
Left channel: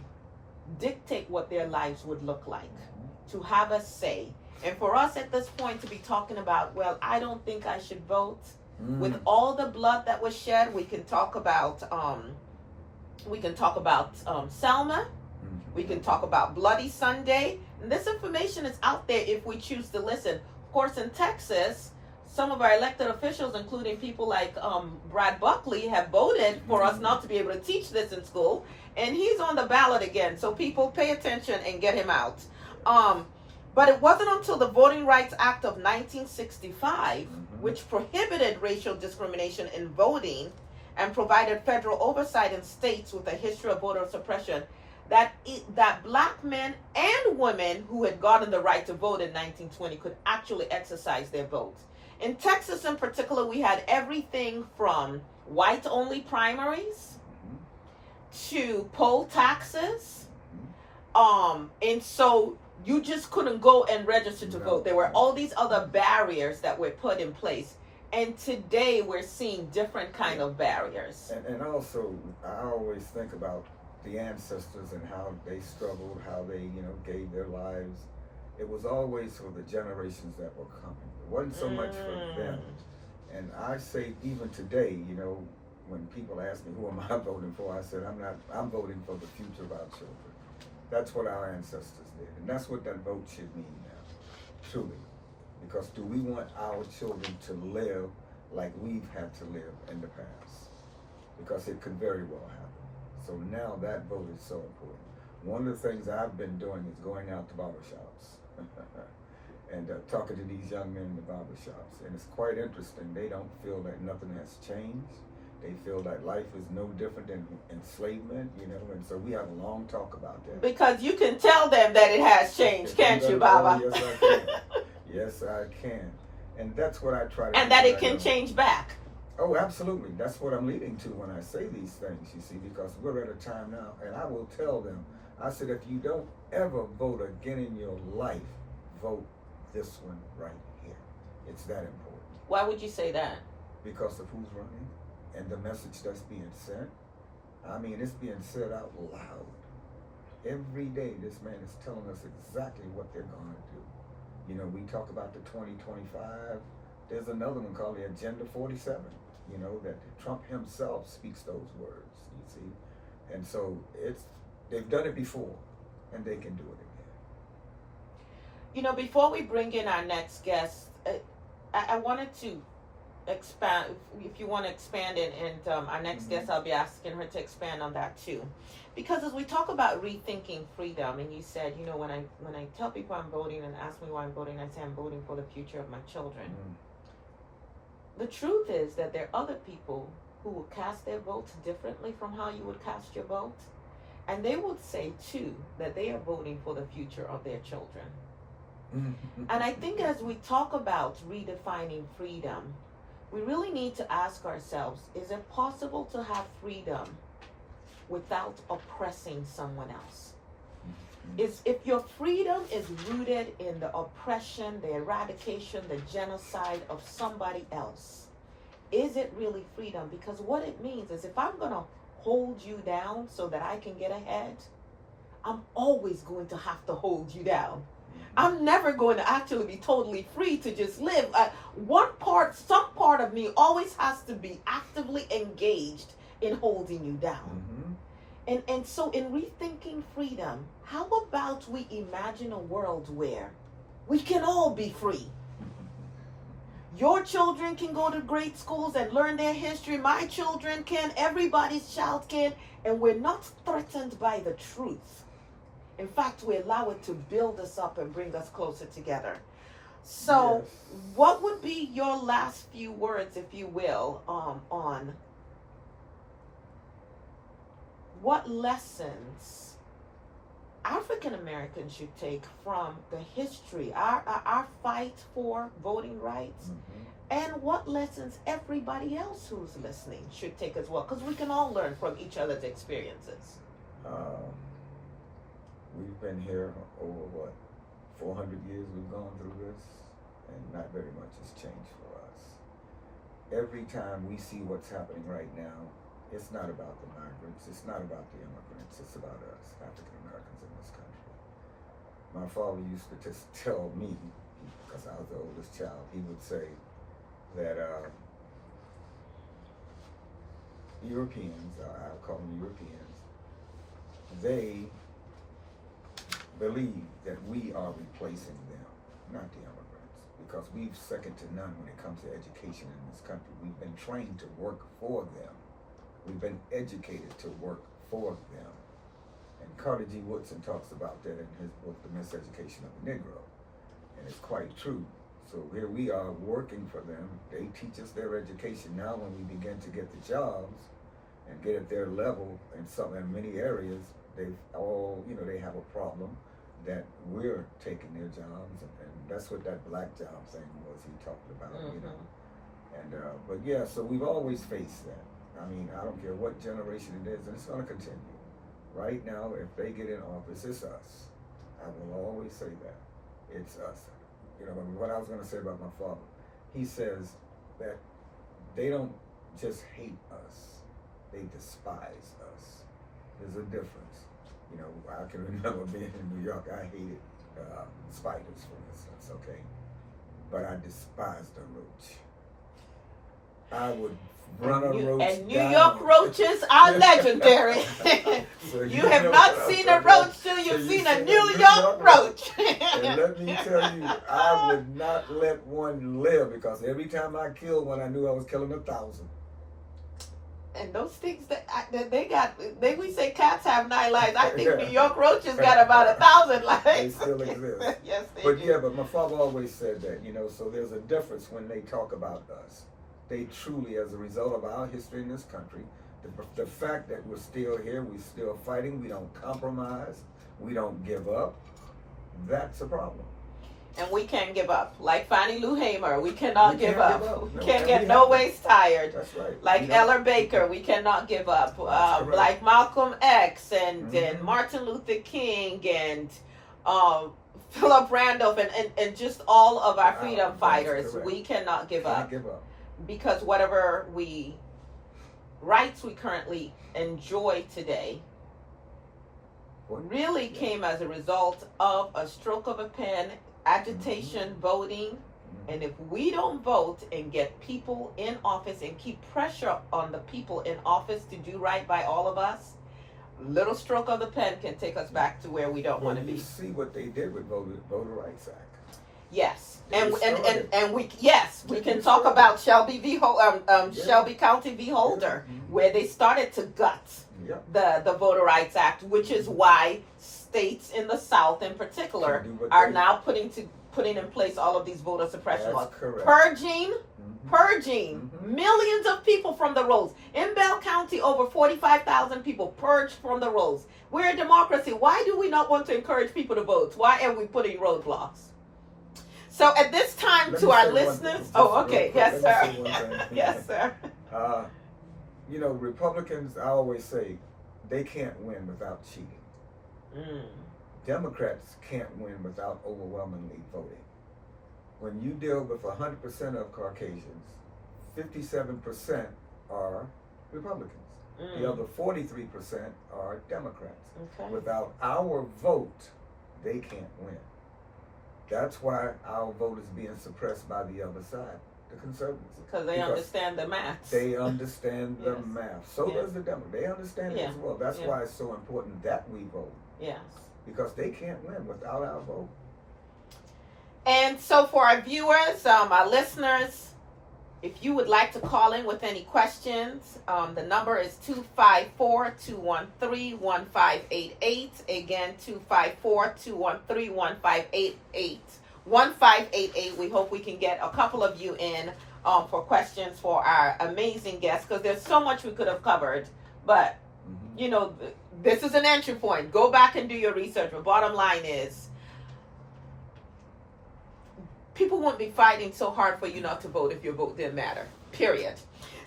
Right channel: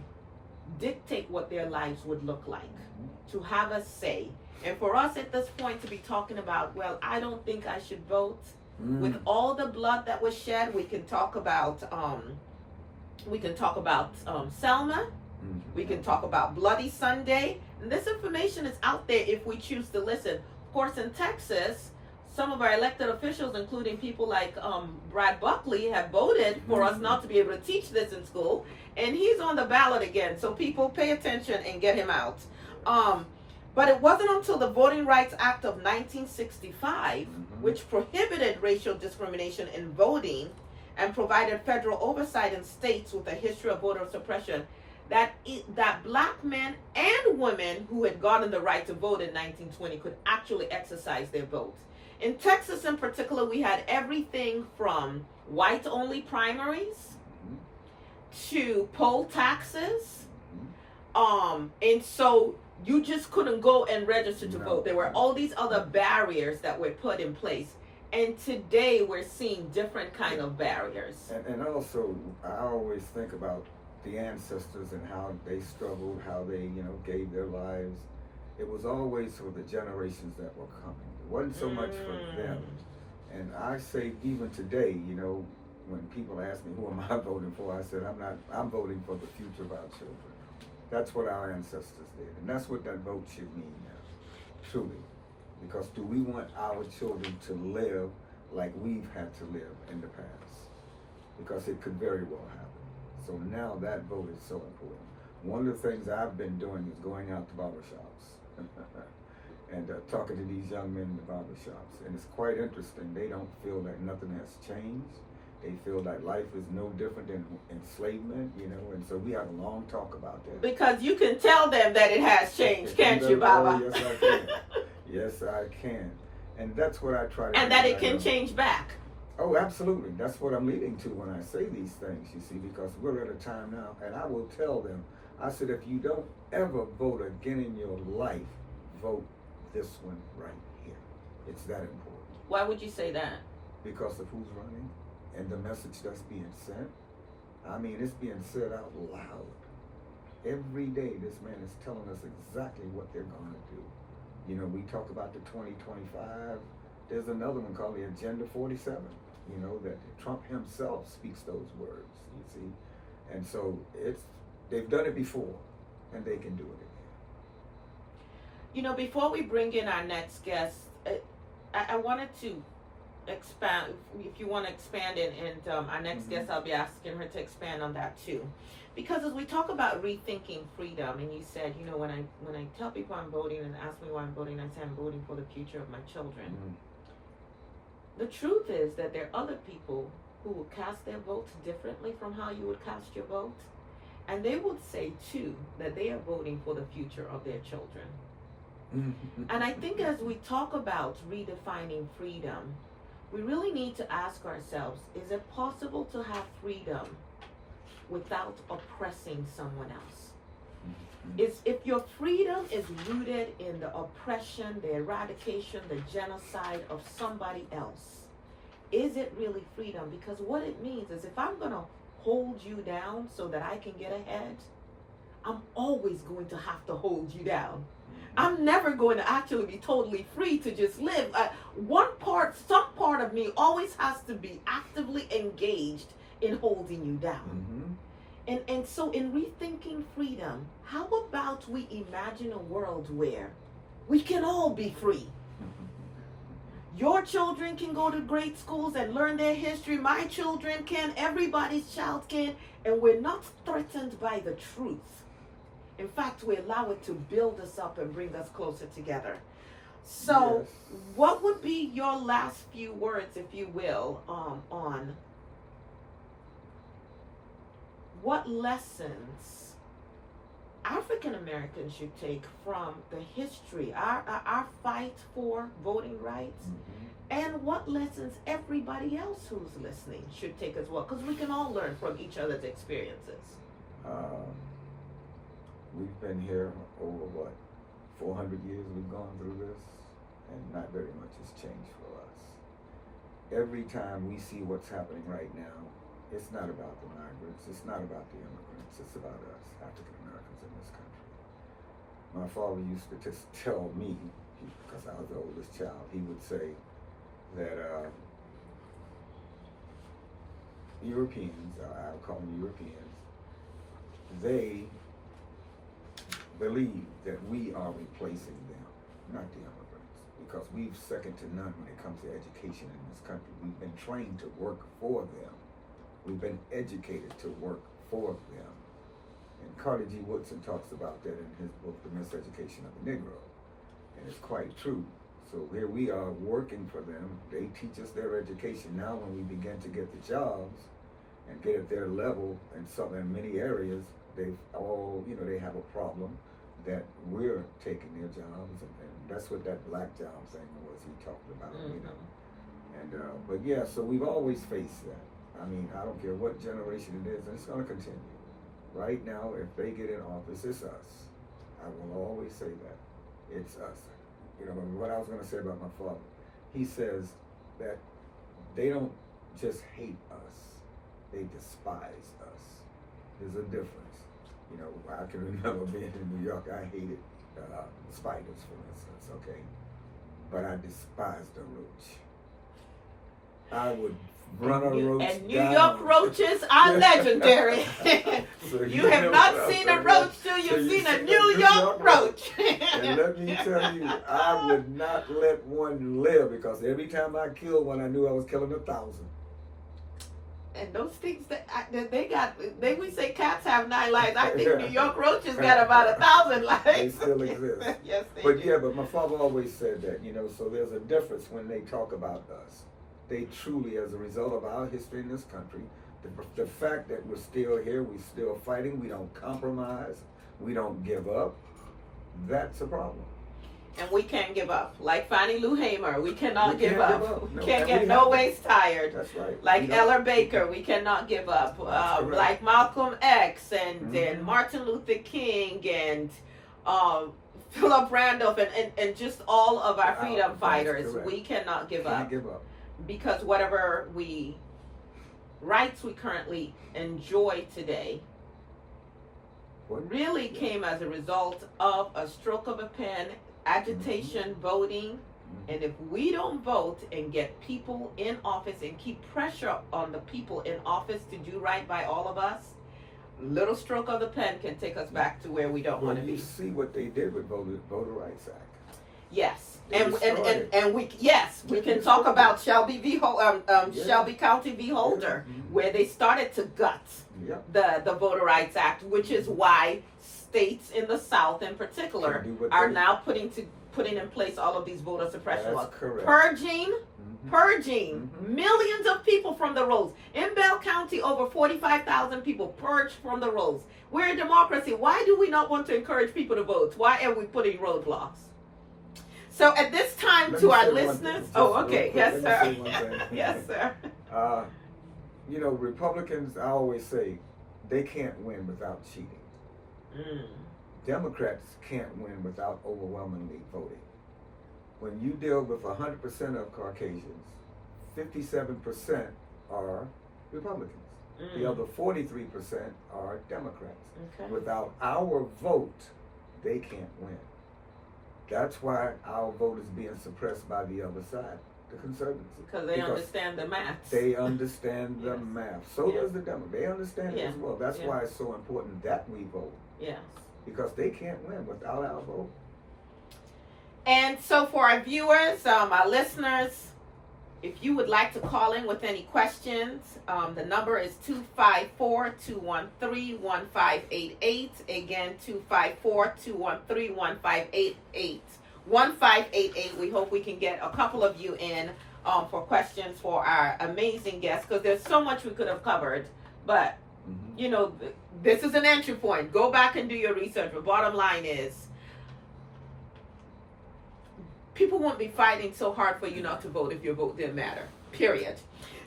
dictate what their lives would look like, to have a say. And for us at this point to be talking about, well, I don't think I should vote. With all the blood that was shed, we can talk about Selma. We can talk about Bloody Sunday. And this information is out there if we choose to listen. Of course, in Texas, some of our elected officials, including people like Brad Buckley, have voted for us not to be able to teach this in school. And he's on the ballot again. So people pay attention and get him out. But it wasn't until the Voting Rights Act of 1965, which prohibited racial discrimination in voting and provided federal oversight in states with a history of voter suppression, that black men and women who had gotten the right to vote in 1920 could actually exercise their votes. In Texas in particular, we had everything from white-only primaries to poll taxes. And so you just couldn't go and register to vote. There were all these other barriers that were put in place. And today we're seeing different kind of barriers. And also, I always think about the ancestors and how they struggled, how they, gave their lives. It was always for the generations that were coming. It wasn't so much for them. And I say even today, when people ask me who am I voting for, I said I'm voting for the future of our children. That's what our ancestors did. And that's what that vote should mean now, truly. Because do we want our children to live like we've had to live in the past? Because it could very well happen. So now that vote is so important. One of the things I've been doing is going out to barbershops and talking to these young men in the barbershops. And it's quite interesting. They don't feel that nothing has changed. They feel that life is no different than enslavement, and so we have a long talk about that. Because you can tell them that it has changed, can't you, Baba? Oh, yes, I can. Yes, I can. And that's what I try to do. And that it can change back. Oh, absolutely. That's what I'm leading to when I say these things, you see, because we're at a time now, and I will tell them, I said, if you don't ever vote again in your life, vote this one right here. It's that important. Why would you say that? Because of who's running and the message that's being sent. I mean, it's being said out loud. Every day, this man is telling us exactly what they're going to do. We talk about the 2025. There's another one called the Agenda 47, that Trump himself speaks those words, you see. And so they've done it before, and they can do it again. Before we bring in our next guest, I wanted to expand, if you want to expand, and our next guest, I'll be asking her to expand on that too. Because as we talk about rethinking freedom, and you said, when I tell people I'm voting and ask me why I'm voting, I say I'm voting for the future of my children. The truth is that there are other people who will cast their votes differently from how you would cast your vote. And they would say too that they are voting for the future of their children. And I think as we talk about redefining freedom, we really need to ask ourselves, is it possible to have freedom without oppressing someone else? Is if your freedom is rooted in the oppression, the eradication, the genocide of somebody else, is it really freedom? Because what it means is if I'm going to hold you down so that I can get ahead, I'm always going to have to hold you down. I'm never going to actually be totally free to just live. Some part of me always has to be actively engaged in holding you down. And so in rethinking freedom, how about we imagine a world where we can all be free? Your children can go to great schools and learn their history. My children can. Everybody's child can. And we're not threatened by the truth. In fact, we allow it to build us up and bring us closer together. So, what would be your last few words, if you will, on what lessons African Americans should take from the history, our fight for voting rights, and what lessons everybody else who's listening should take as well? Because we can all learn from each other's experiences. We've been here over 400 years we've gone through this, and not very much has changed for us. Every time we see what's happening right now, it's not about the migrants, it's not about the immigrants, it's about us, African Americans in this country. My father used to just tell me, because I was the oldest child, he would say that Europeans, I'll call them Europeans, they believe that we are replacing them, not the immigrants, because we've second to none when it comes to education in this country. We've been trained to work for them. We've been educated to work for them. And Carter G. Woodson talks about that in his book, The Miseducation of the Negro. And it's quite true. So here we are working for them. They teach us their education. Now when we begin to get the jobs and get at their level in many areas, they have a problem that we're taking their jobs, and that's what that black job thing was he talked about, And but yeah, so we've always faced that. I mean, I don't care what generation it is, and it's going to continue. Right now, if they get in office, it's us. I will always say that. It's us. What I was going to say about my father, he says that they don't just hate us, they despise us. There's a difference. I can remember being in New York, I hated spiders, for instance, okay? But I despised a roach. I would run a roach And New down. York roaches are legendary. So you have not seen a roach till you've seen a New York roach. And let me tell you, I would not let one live, because every time I killed one, I knew I was killing 1,000. And those things we say cats have 9 lives. I think New York roaches got about 1,000 lives. They still exist. Yes, they But do. yeah, but my father always said that, so there's a difference when they talk about us. They truly, as a result of our history in this country, the fact that we're still here, we're still fighting, we don't compromise, we don't give up, that's a problem. And we can't give up. Like Fannie Lou Hamer, we cannot give up. No, We can't get no ways tired. That's right. Like Eller Baker, we cannot give up. Like Malcolm X and Martin Luther King and Philip Randolph and just all of our freedom fighters, we cannot give up. Can't give up. Because whatever rights we currently enjoy today really came as a result of a stroke of a pen, agitation, voting. And if we don't vote and get people in office and keep pressure on the people in office to do right by all of us, little stroke of the pen can take us back to where we don't want to be. You see what they did with Voter Rights Act. Yes, and we can talk about Shelby County v. Holder, where they started to gut the Voter Rights Act, which is why states in the South, in particular, are now putting in place all of these voter suppression laws, purging millions of people from the rolls. In Bell County, over 45,000 people purged from the rolls. We're a democracy. Why do we not want to encourage people to vote? Why are we putting roadblocks? So at this time, Let to me our say one listeners, thing, just oh, real okay, quick. yes, Let sir. me say one thing. Yes, sir. You know, Republicans, I always say, they can't win without cheating. Mm. Democrats can't win without overwhelmingly voting. When you deal with 100% of Caucasians, 57% are Republicans. The other 43% are Democrats. Okay. Without our vote, they can't win. That's why our vote is being suppressed by the other side, the conservatives. Because they understand the math. They understand the Yes. math. So does the Democrats. They understand it Yeah. as well. That's Yeah. why it's so important that we vote. Yes. Because they can't win without our vote. And so for our viewers, our listeners, if you would like to call in with any questions, the number is 254-213-1588. Again, 254-213-1588. 1588. We hope we can get a couple of you in for questions for our amazing guests, because there's so much we could have covered. But, you know, this is an entry point. Go back and do your research. The bottom line is, people won't be fighting so hard for you not to vote if your vote didn't matter. Period.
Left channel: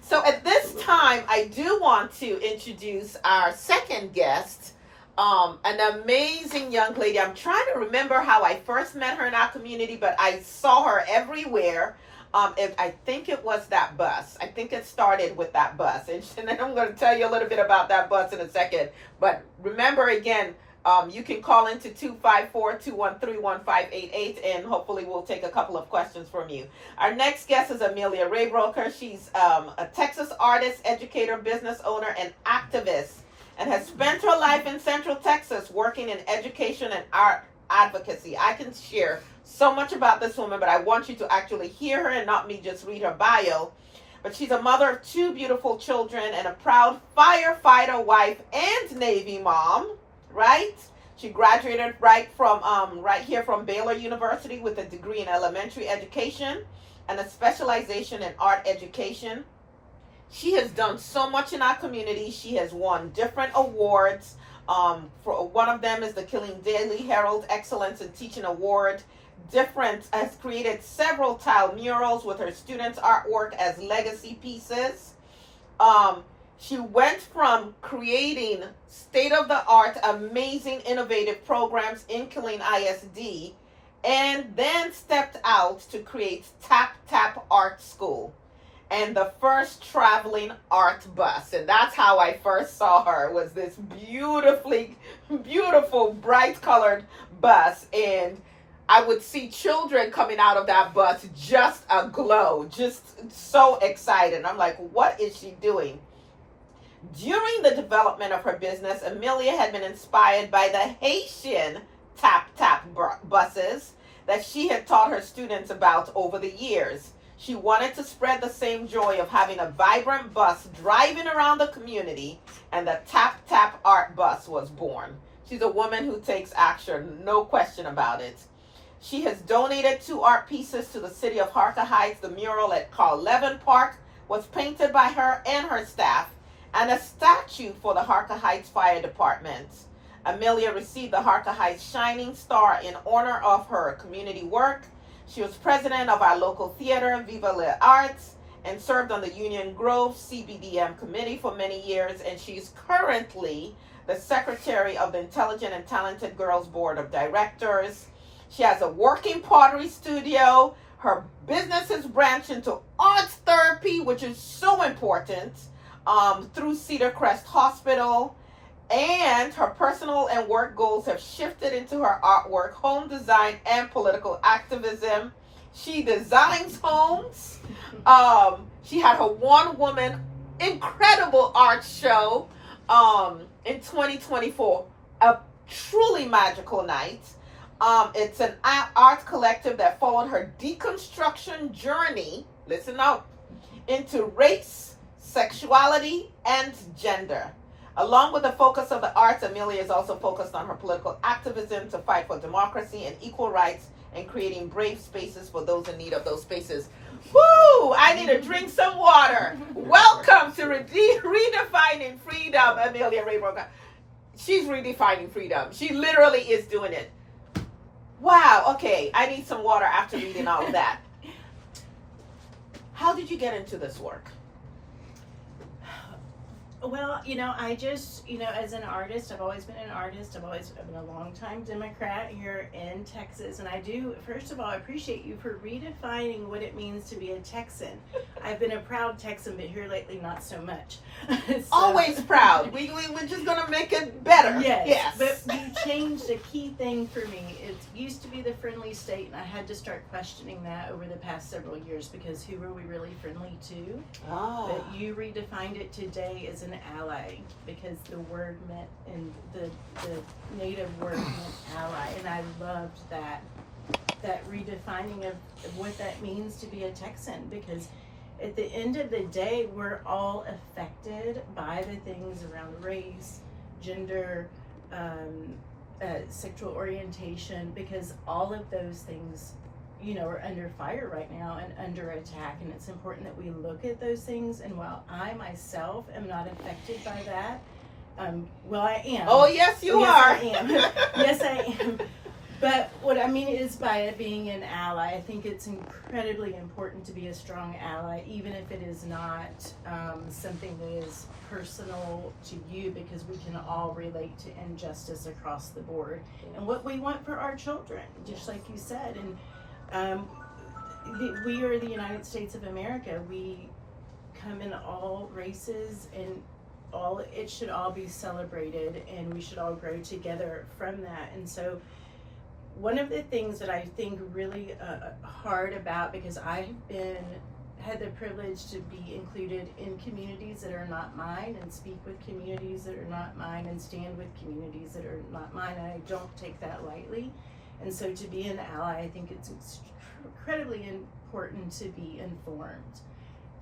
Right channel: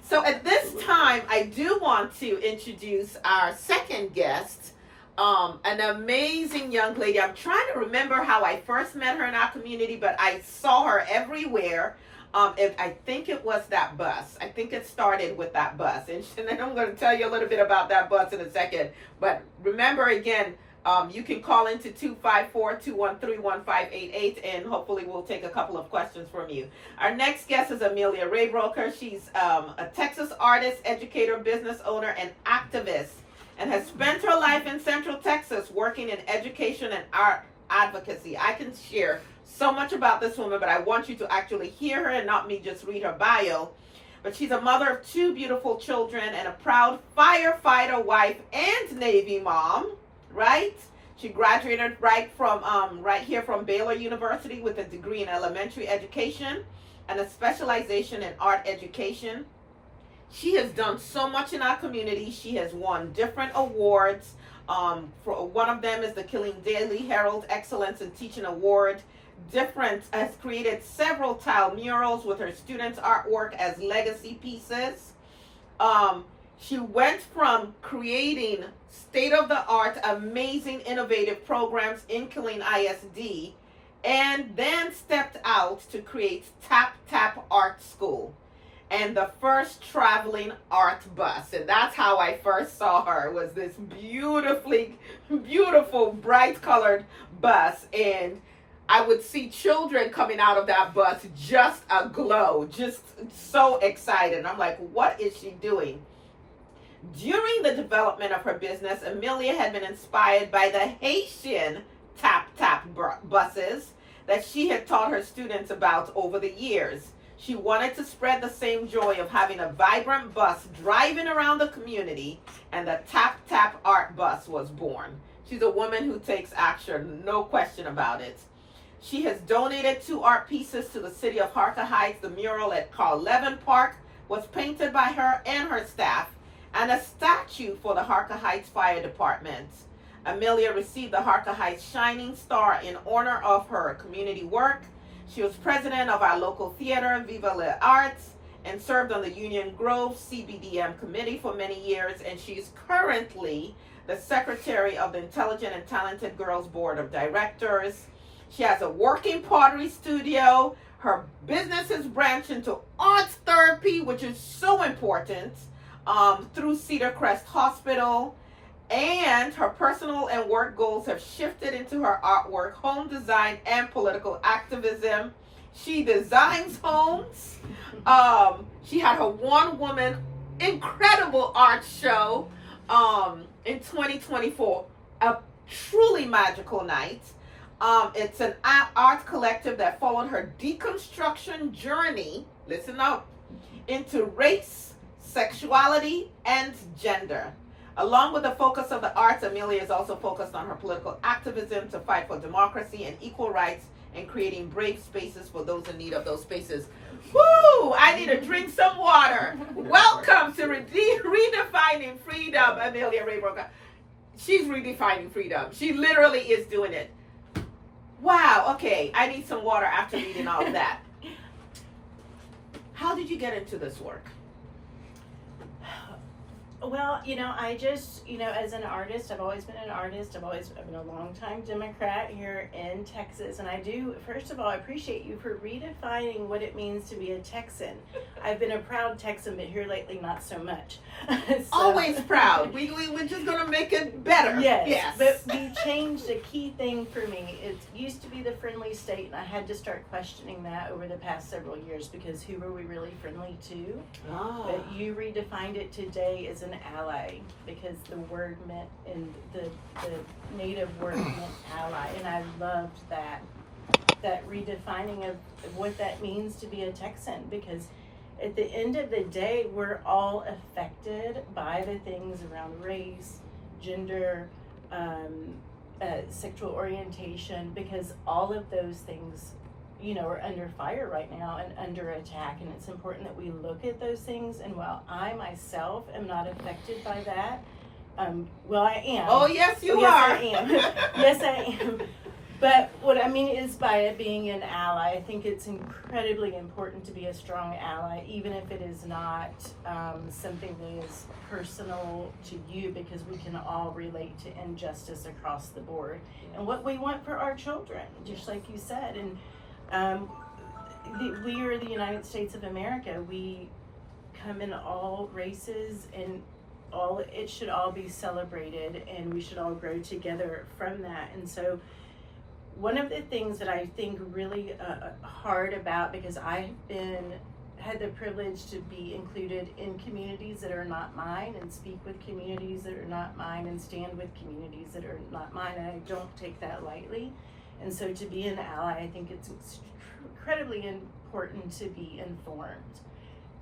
So at this time, I do want to introduce our second guest, an amazing young lady. I'm trying to remember how I first met her in our community, but I saw her everywhere. I think it was that bus. I think it started with that bus. And then I'm going to tell you a little bit about that bus in a second. But remember, again, you can call into 254-213-1588, and hopefully we'll take a couple of questions from you. Our next guest is Amelia Raybroker. She's a Texas artist, educator, business owner, and activist, and has spent her life in Central Texas working in education and art advocacy. I can share so much about this woman, but I want you to actually hear her and not me just read her bio. But she's a mother of 2 beautiful children and a proud firefighter wife and Navy mom. Right? She graduated right here from Baylor University with a degree in elementary education and a specialization in art education. She has done so much in our community. She has won different awards. For one of them is the Killing Daily Herald Excellence in Teaching Award. Has created several tile murals with her students' artwork as legacy pieces. She went from creating state-of-the-art, amazing, innovative programs in Killeen ISD, and then stepped out to create Tap Tap Art School and the first traveling art bus. And that's how I first saw her, was this beautiful, bright-colored bus. And I would see children coming out of that bus just aglow, just so excited. I'm like, what is she doing? During the development of her business, Amelia had been inspired by the Haitian tap-tap buses that she had taught her students about over the years. She wanted to spread the same joy of having a vibrant bus driving around the community, and the tap-tap art bus was born. She's a woman who takes action, no question about it. She has donated 2 art pieces to the city of Harker Heights. The mural at Carl Levin Park was painted by her and her staff, and a statue for the Harker Heights Fire Department. Amelia received the Harker Heights Shining Star in honor of her community work. She was president of our local theater, Viva Les Arts, and served on the Union Grove CBDM committee for many years, and she's currently the secretary of the Intelligent and Talented Girls Board of Directors. She has a working pottery studio. Her business has branched into arts therapy, which is so important, through Cedar Crest Hospital, and her personal and work goals have shifted into her artwork, home design, and political activism. She designs homes. She had her one-woman incredible art show in 2024, a truly magical night. It's an art collective that followed her deconstruction journey, listen up, into race, sexuality, and gender. Along with the focus of the arts, Amelia is also focused on her political activism to fight for democracy and equal rights and creating brave spaces for those in need of those spaces. Woo! I need to drink some water. Welcome to Redefining Freedom, Amelia Raybroker. She's redefining freedom. She literally is doing it. Wow, okay. I need some water after reading all of that. How did you get into this work? Well, I just, as an artist, I've always been an artist. I've been a longtime Democrat here in Texas. And I do, first of all, I appreciate you for redefining what it means to be a Texan. I've been a proud Texan, but here lately, not so much. Always proud. We're just going to make it better. Yes. But you changed a key thing for me. It used to be the friendly state, and I had to start questioning that over the past several years, because who are we really friendly to? Oh. But you redefined it today as an ally, because the word meant, and the native word meant ally, and I loved that redefining of what that means to be a Texan, because at the end of the day, we're all affected by the things around race, gender, sexual orientation, because all of those things are under fire right now and under attack, and it's important that we look at those things. And while I myself am not affected by that, well, I am. Oh, yes, you are. Yes, I am. Yes, I am. But what I mean is, by it being an ally, I think it's incredibly important to be a strong ally, even if it is not something that is personal to you, because we can all relate to injustice across the board and what we want for our children, just like you said. And we are the United States of America. We come in all races, and it should all be celebrated, and we should all grow together from that. And so one of the things that I think really hard about, because I have had the privilege to be included in communities that are not mine, and speak with communities that are not mine, and stand with communities that are not mine, and I don't take that lightly. And so to be an ally, I think it's incredibly important to be informed.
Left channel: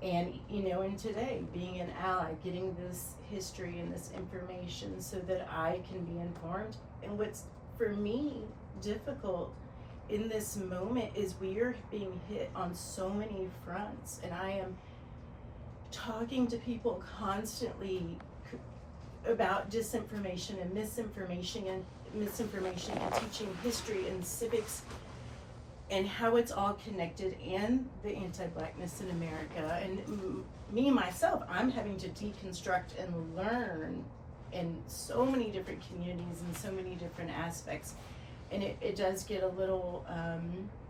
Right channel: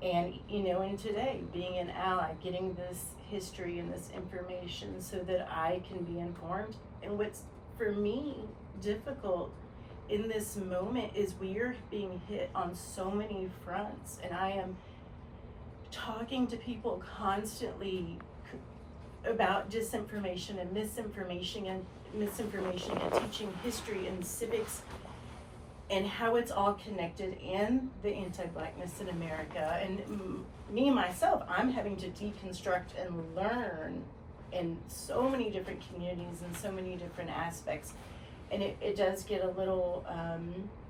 And, and today, being an ally, getting this history and this information so that I can be informed. And what's, for me, difficult in this moment is we are being hit on so many fronts. And I am talking to people constantly about disinformation and misinformation and teaching history and civics and how it's all connected, and the anti-Blackness in America. And me, myself, I'm having to deconstruct and learn in so many different communities and so many different aspects. And it does get a little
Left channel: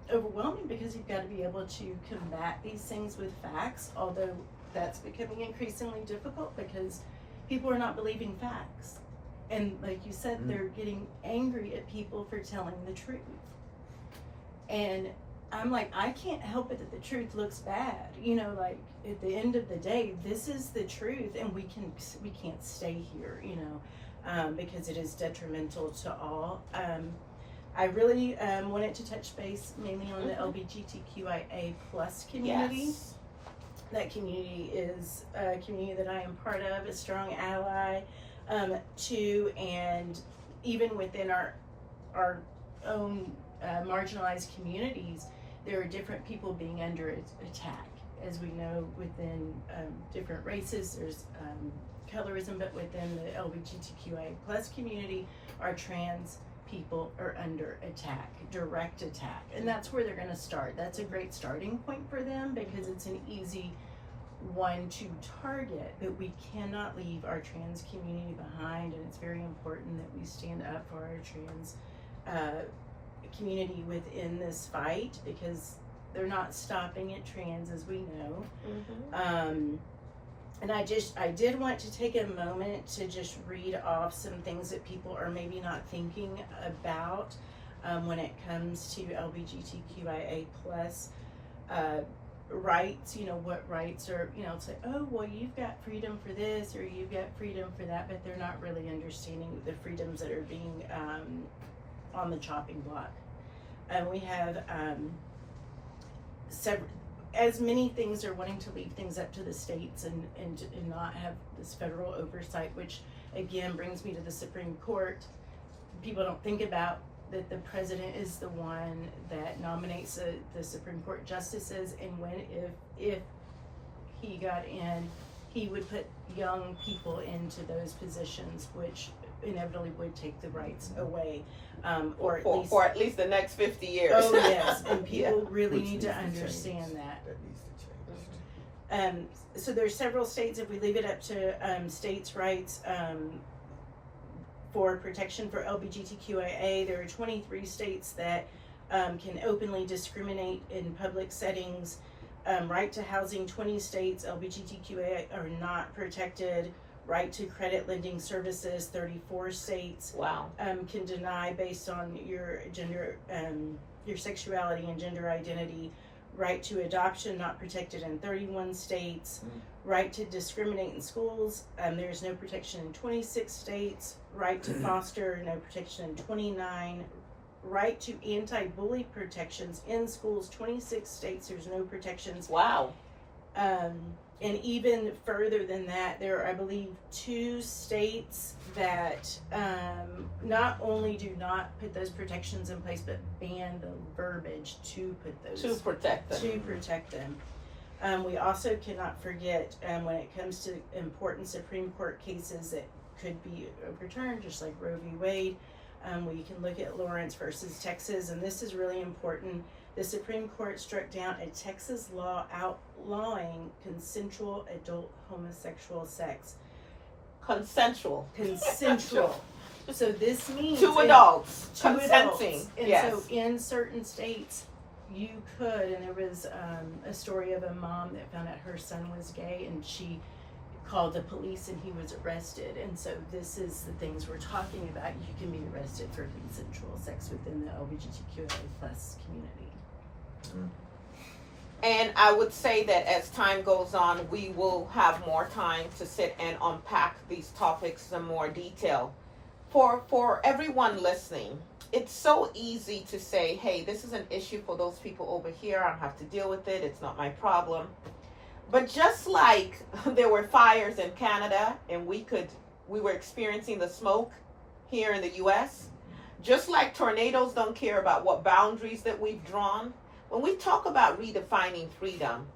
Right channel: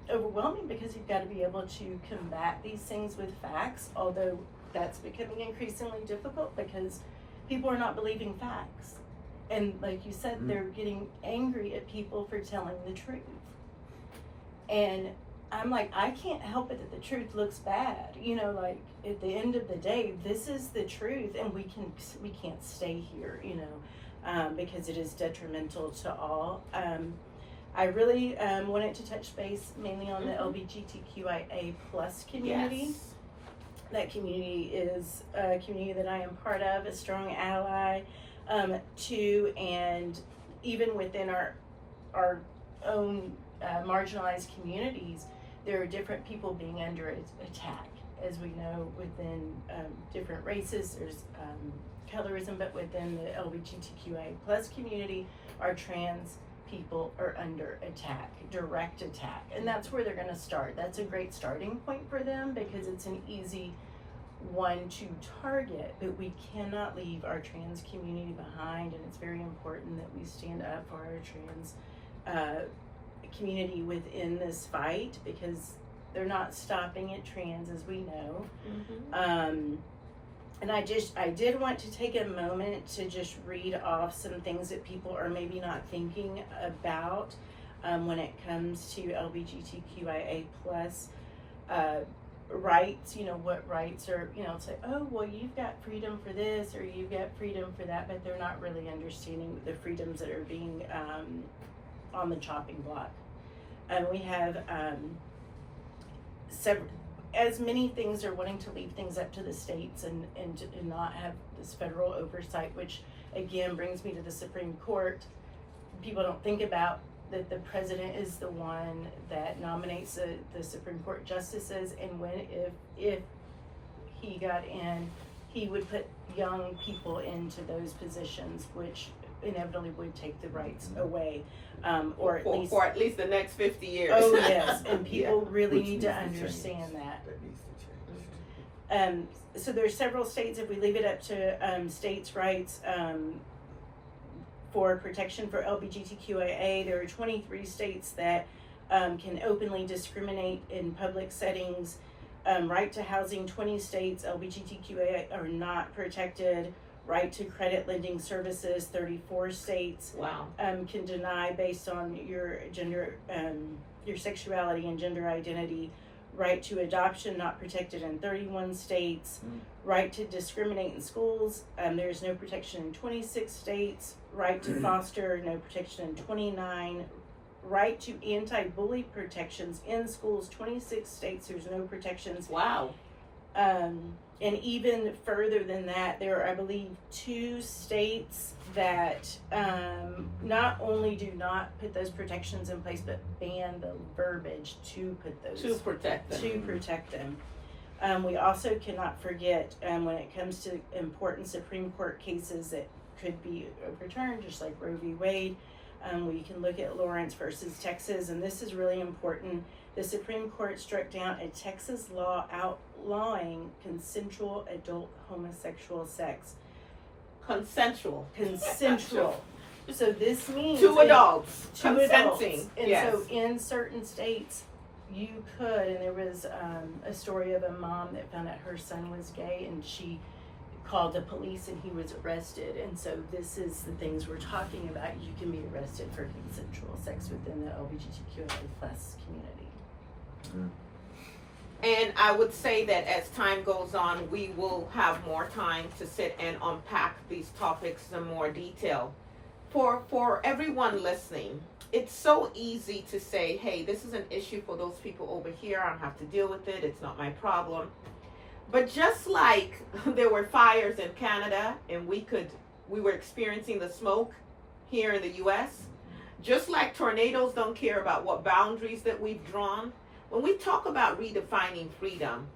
overwhelming, because you've got to be able to combat these things with facts, although that's becoming increasingly difficult because people are not believing facts. And like you said, they're getting angry at people for telling the truth. And I'm like, I can't help it that the truth looks bad. Like, at the end of the day, this is the truth, and we can't stay here, because it is detrimental to all. I really wanted to touch base mainly on the LGBTQIA plus community. Yes. That community is a community that I am part of, a strong ally to, and even within our own marginalized communities, there are different people being under attack. As we know, within different races, there's colorism, but within the LGBTQIA plus community, our trans people are under attack, direct attack. And that's where they're going to start. That's a great starting point for them, because it's an easy one to target, but we cannot leave our trans community behind. And it's very important that we stand up for our trans community within this fight, because they're not stopping at trans, as we know. And I did want to take a moment to just read off some things that people are maybe not thinking about when it comes to LGBTQIA plus rights. What rights are, it's like, oh, well, you've got freedom for this, or you've got freedom for that, but they're not really understanding the freedoms that are being on the chopping block. And we have several, as many things are wanting to leave things up to the states and not have this federal oversight, which again brings me to the Supreme Court. People don't think about that the president is the one that nominates the Supreme Court justices, and if he got in, he would put young people into those positions, which inevitably would take the rights away, or at least for at least the next 50 years. Oh yes, and people really Which need to needs to understand change. that. That needs to change. So there's several states. If we leave it up to states' rights for protection for LGBTQIA, there are 23 states that can openly discriminate in public settings. Right to housing, 20 states. LGBTQIA are not protected. Right to credit lending services, 34 states. Wow. Can deny based on your gender, your sexuality and gender identity. Right to adoption, not protected in 31 states. Right to discriminate in schools, there's no protection in 26 states. Right to foster, no protection in 29. Right to anti-bully protections in schools, 26 states, there's no protections. Wow. And even further than that, there are, I believe, 2 states that not only do not put those protections in place, but ban the verbiage to put those To protect them. We also cannot forget when it comes to important Supreme Court cases that could be overturned, just like Roe v. Wade. We can look at Lawrence versus Texas, and this is really important. The Supreme Court struck down a Texas law outlawing consensual adult homosexual sex. Consensual. So this means Two adults consenting. consenting. And yes. so in certain states, you could, and there was a story of a mom that found out her son was gay, and she called the police and he was arrested. And so this is the things we're talking about. You can be arrested for consensual sex within the LGBTQIA plus community. And I would say that as time goes on, we will have more time to sit and unpack these topics in more detail. For everyone listening, it's so easy to say, hey, this is an issue for those people over here. I don't have to deal with it. It's not my problem. But just like there were fires in Canada and we were experiencing the smoke here in the US, just like tornadoes don't care about what boundaries that we've drawn, when we talk about redefining freedom,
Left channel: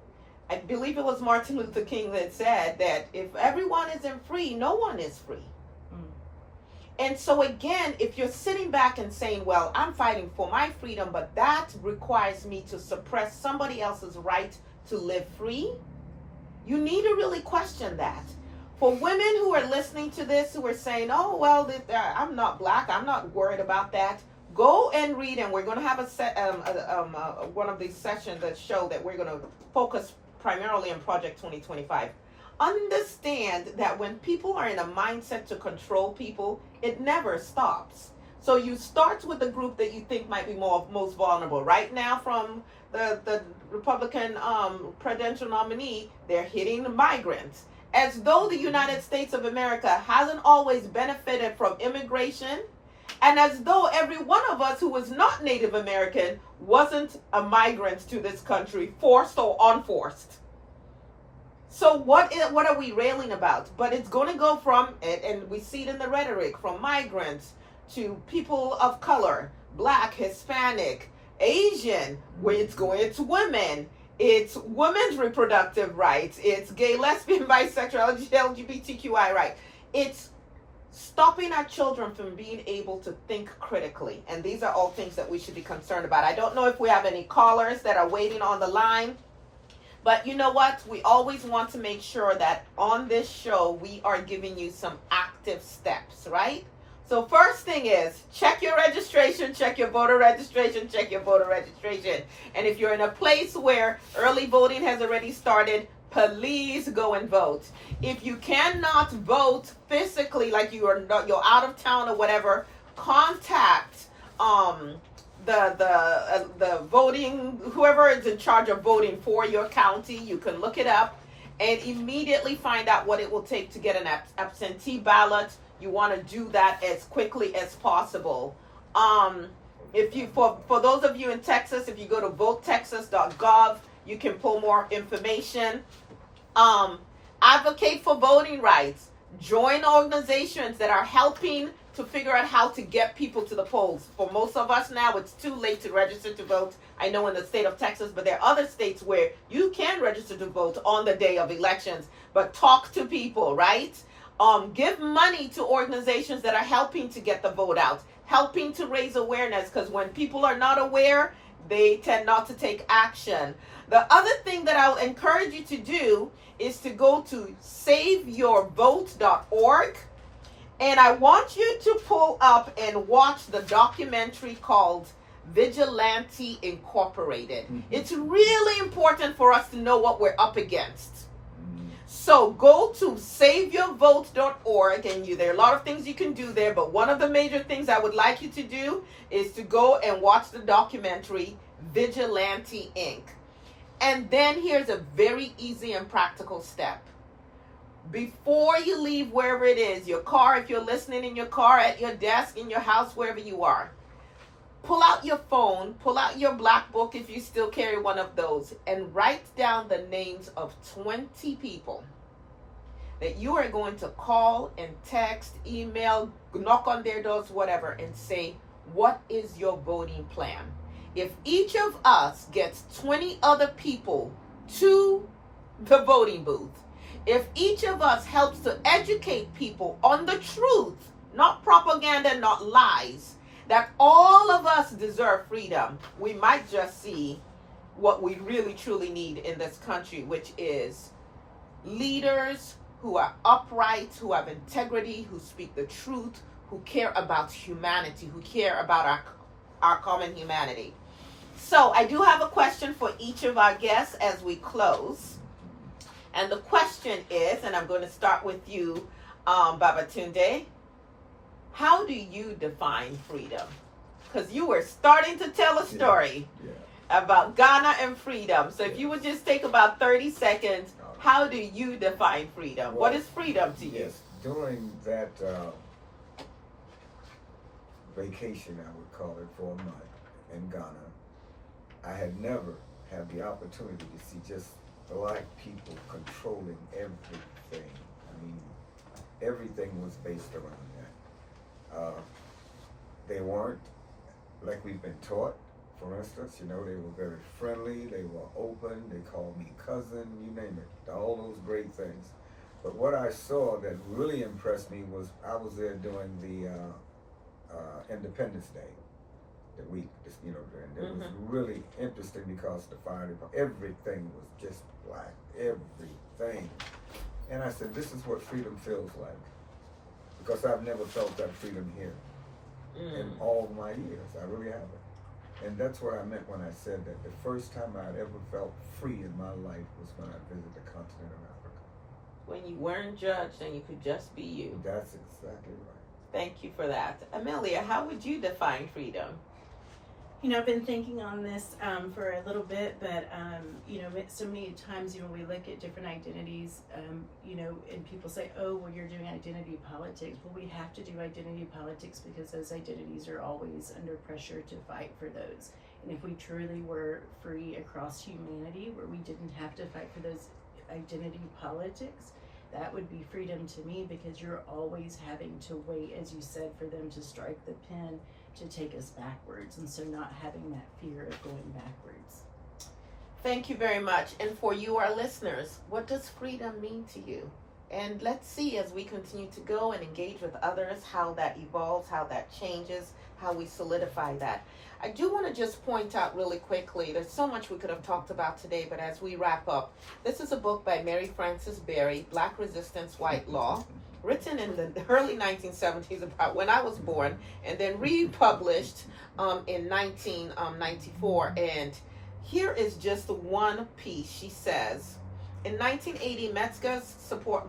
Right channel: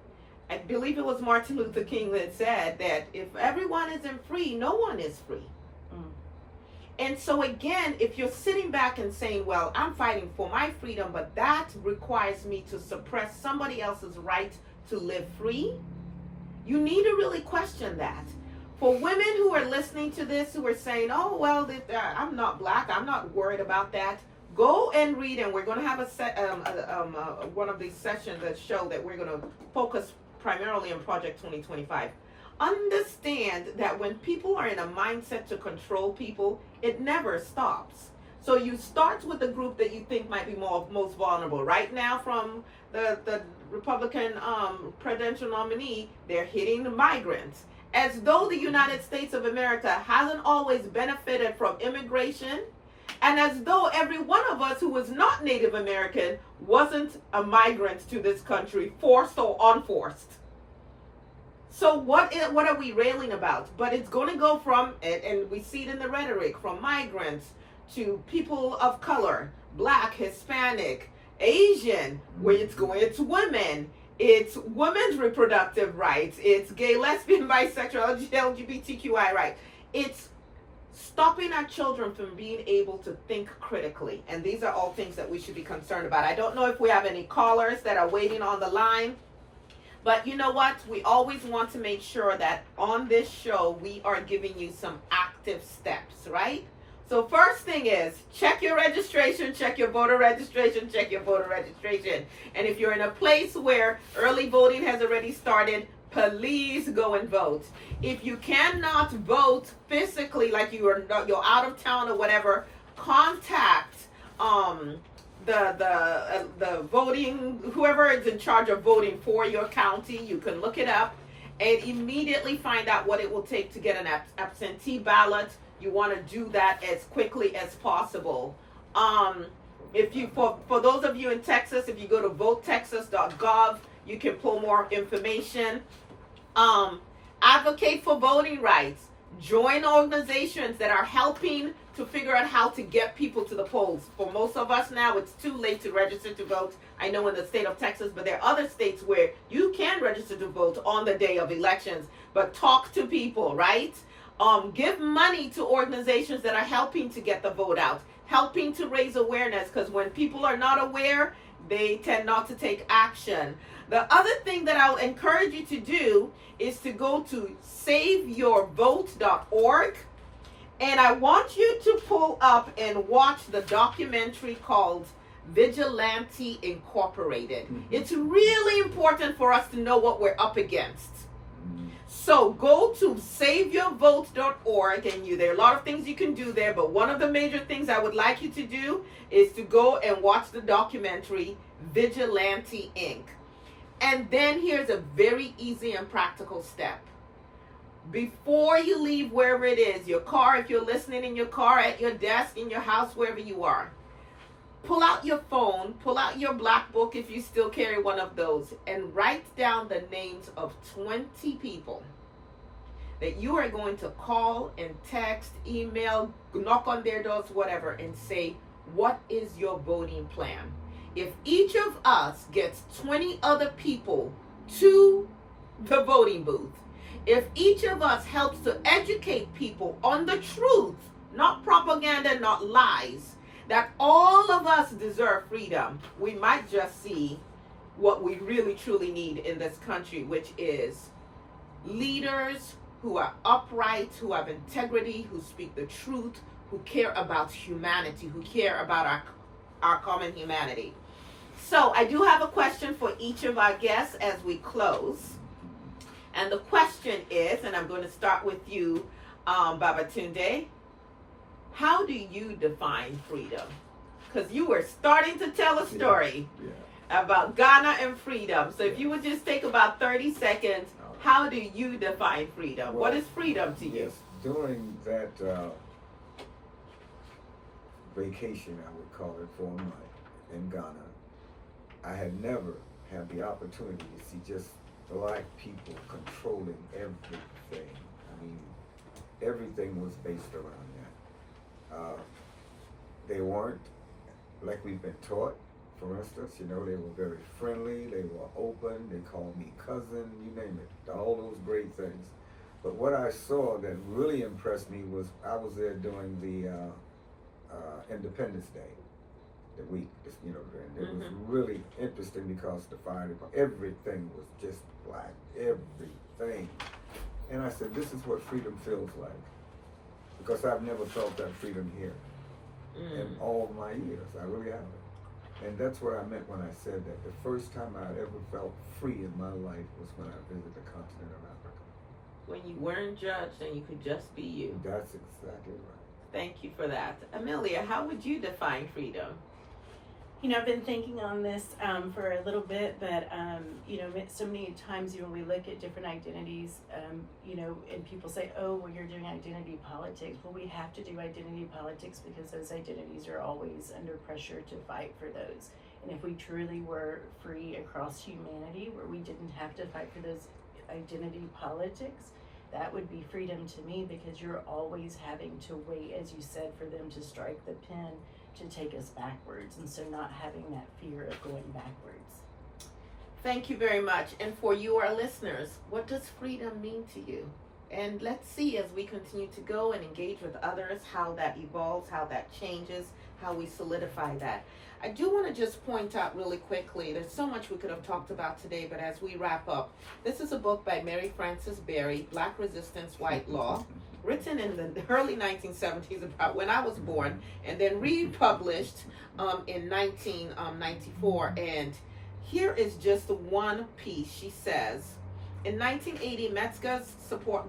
I believe it was Martin Luther King that said that if everyone isn't free, no one is free. And so again, if you're sitting back and saying, well, I'm fighting for my freedom, but that requires me to suppress somebody else's right to live free, you need to really question that. For women who are listening to this, who are saying, oh, well, I'm not black, I'm not worried about that, go and read, and we're going to have one of these sessions that show that we're going to focus primarily on Project 2025. Understand that when people are in a mindset to control people, it never stops. So you start with the group that you think might be most vulnerable. Right now, from the Republican presidential nominee, they're hitting the migrants. As though the United States of America hasn't always benefited from immigration, and as though every one of us who was not Native American wasn't a migrant to this country, forced or unforced. So what are we railing about? But it's going to go from, and we see it in the rhetoric, from migrants to people of color, black, Hispanic, Asian, where it's going to women. It's women's reproductive rights. It's gay, lesbian, bisexual, LGBTQI rights. It's stopping our children from being able to think critically. And these are all things that we should be concerned about. I don't know if we have any callers that are waiting on the line. But you know what? We always want to make sure that on this show, we are giving you some active steps, right? So first thing is, check your registration, check your voter registration, check your voter registration. And if you're in a place where early voting has already started, please go and vote. If you cannot vote physically, like you're out of town or whatever, contact the voting, whoever is in charge of voting for your county. You can look it up and immediately find out what it will take to get an absentee ballot. You want to do that as quickly as possible. If you, for those of you in Texas, if you go to votetexas.gov, you can pull more information. Advocate for voting rights. Join organizations that are helping to figure out how to get people to the polls. For most of us now, it's too late to register to vote. I know in the state of Texas, but there are other states where you can register to vote on the day of elections. But talk to people, right? Give money to organizations that are helping to get the vote out, helping to raise awareness, because when people are not aware, they tend not to take action. The other thing that I'll encourage you to do is to go to saveyourvote.org, and I want you to pull up and watch the documentary called Vigilante Incorporated. Mm-hmm. It's really important for us to know what we're up against. So go to saveyourvote.org, and there are a lot of things you can do there, but one of the major things I would like you to do is to go and watch the documentary Vigilante Inc. And then here's a very easy and practical step. Before you leave wherever it is, your car, if you're listening in your car, at your desk, in your house, wherever you are, pull out your phone, pull out your black book if you still carry one of those, and write down the names of 20 people that you are going to call and text, email, knock on their doors, whatever, and say, what is your voting plan? If each of us gets 20 other people to the voting booth, if each of us helps to educate people on the truth, not propaganda, not lies, that all of us deserve freedom, we might just see what we really truly need in this country, which is leaders who are upright, who have integrity, who speak the truth, who care about humanity, who care about our common humanity. So I do have a question for each of our guests as we close. And the question is, and I'm going to start with you, Babatunde, how do you define freedom? Because you were starting to tell a story about Ghana and freedom. So if you would just take about 30 seconds, how do you define freedom? Well, what is freedom to you? Yes, during that vacation, I would call it, for a month in Ghana, I had never had the opportunity to see just black people controlling everything. I mean, everything was based around that. They weren't like we've been taught. For instance, they were very friendly, they were open, they called me cousin, you name it, all those great things. But what I saw that really impressed me was I was there during the Independence Day, the week, and it was really interesting because the fire department, everything was just black, everything. And I said, this is what freedom feels like, because I've never felt that freedom here in all my years. I really haven't. And that's what I meant when I said that the first time I'd ever felt free in my life was when I visited the continent of Africa. When you weren't judged and you could just be you. That's exactly right. Thank you for that. Amelia, how would you define freedom? I've been thinking on this for a little bit, but so many times, we look at different identities, and people say, oh, well, you're doing identity politics. Well, we have to do identity politics because those identities are always under pressure to fight for those. And if we truly were free across humanity, where we didn't have to fight for those identity politics, that would be freedom to me, because you're always having to wait, as you said, for them to strike the pen to take us backwards, and so not having that fear of going backwards. Thank you very much. And for you, our listeners, what does freedom mean to you? And let's see, as we continue to go and engage with others, how that evolves, how that changes, how we solidify that. I do want to just point out really quickly, there's so much we could have talked about today, but as we wrap up, this is a book by Mary Frances Berry, Black Resistance, White Law, written in the early 1970s, about when I was born, and then republished in 1994. And here is just one piece. She says, in 1980, Metzger's support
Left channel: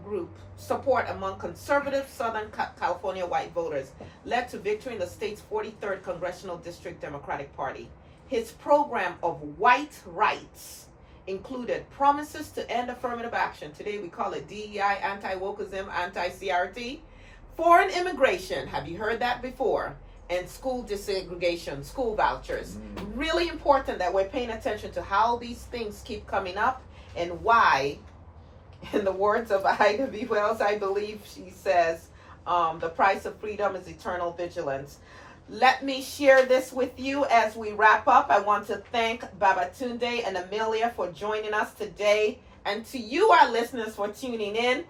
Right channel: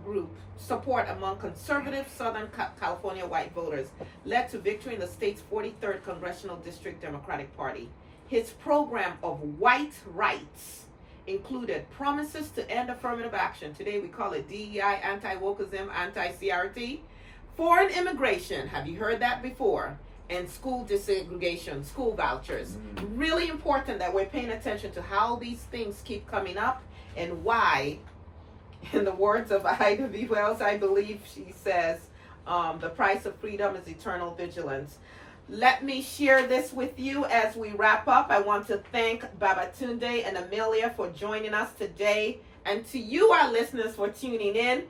among conservative Southern California white voters led to victory in the state's 43rd Congressional District Democratic Party. His program of white rights included promises to end affirmative action. Today we call it DEI, anti-wokeism, anti-CRT. Foreign immigration, have you heard that before? And school desegregation, school vouchers. Really important that we're paying attention to how these things keep coming up and why, in the words of Ida B. Wells, I believe she says, the price of freedom is eternal vigilance. Let me share this with you as we wrap up. I want to thank Babatunde and Amelia for joining us today, and to you, our listeners, for tuning in.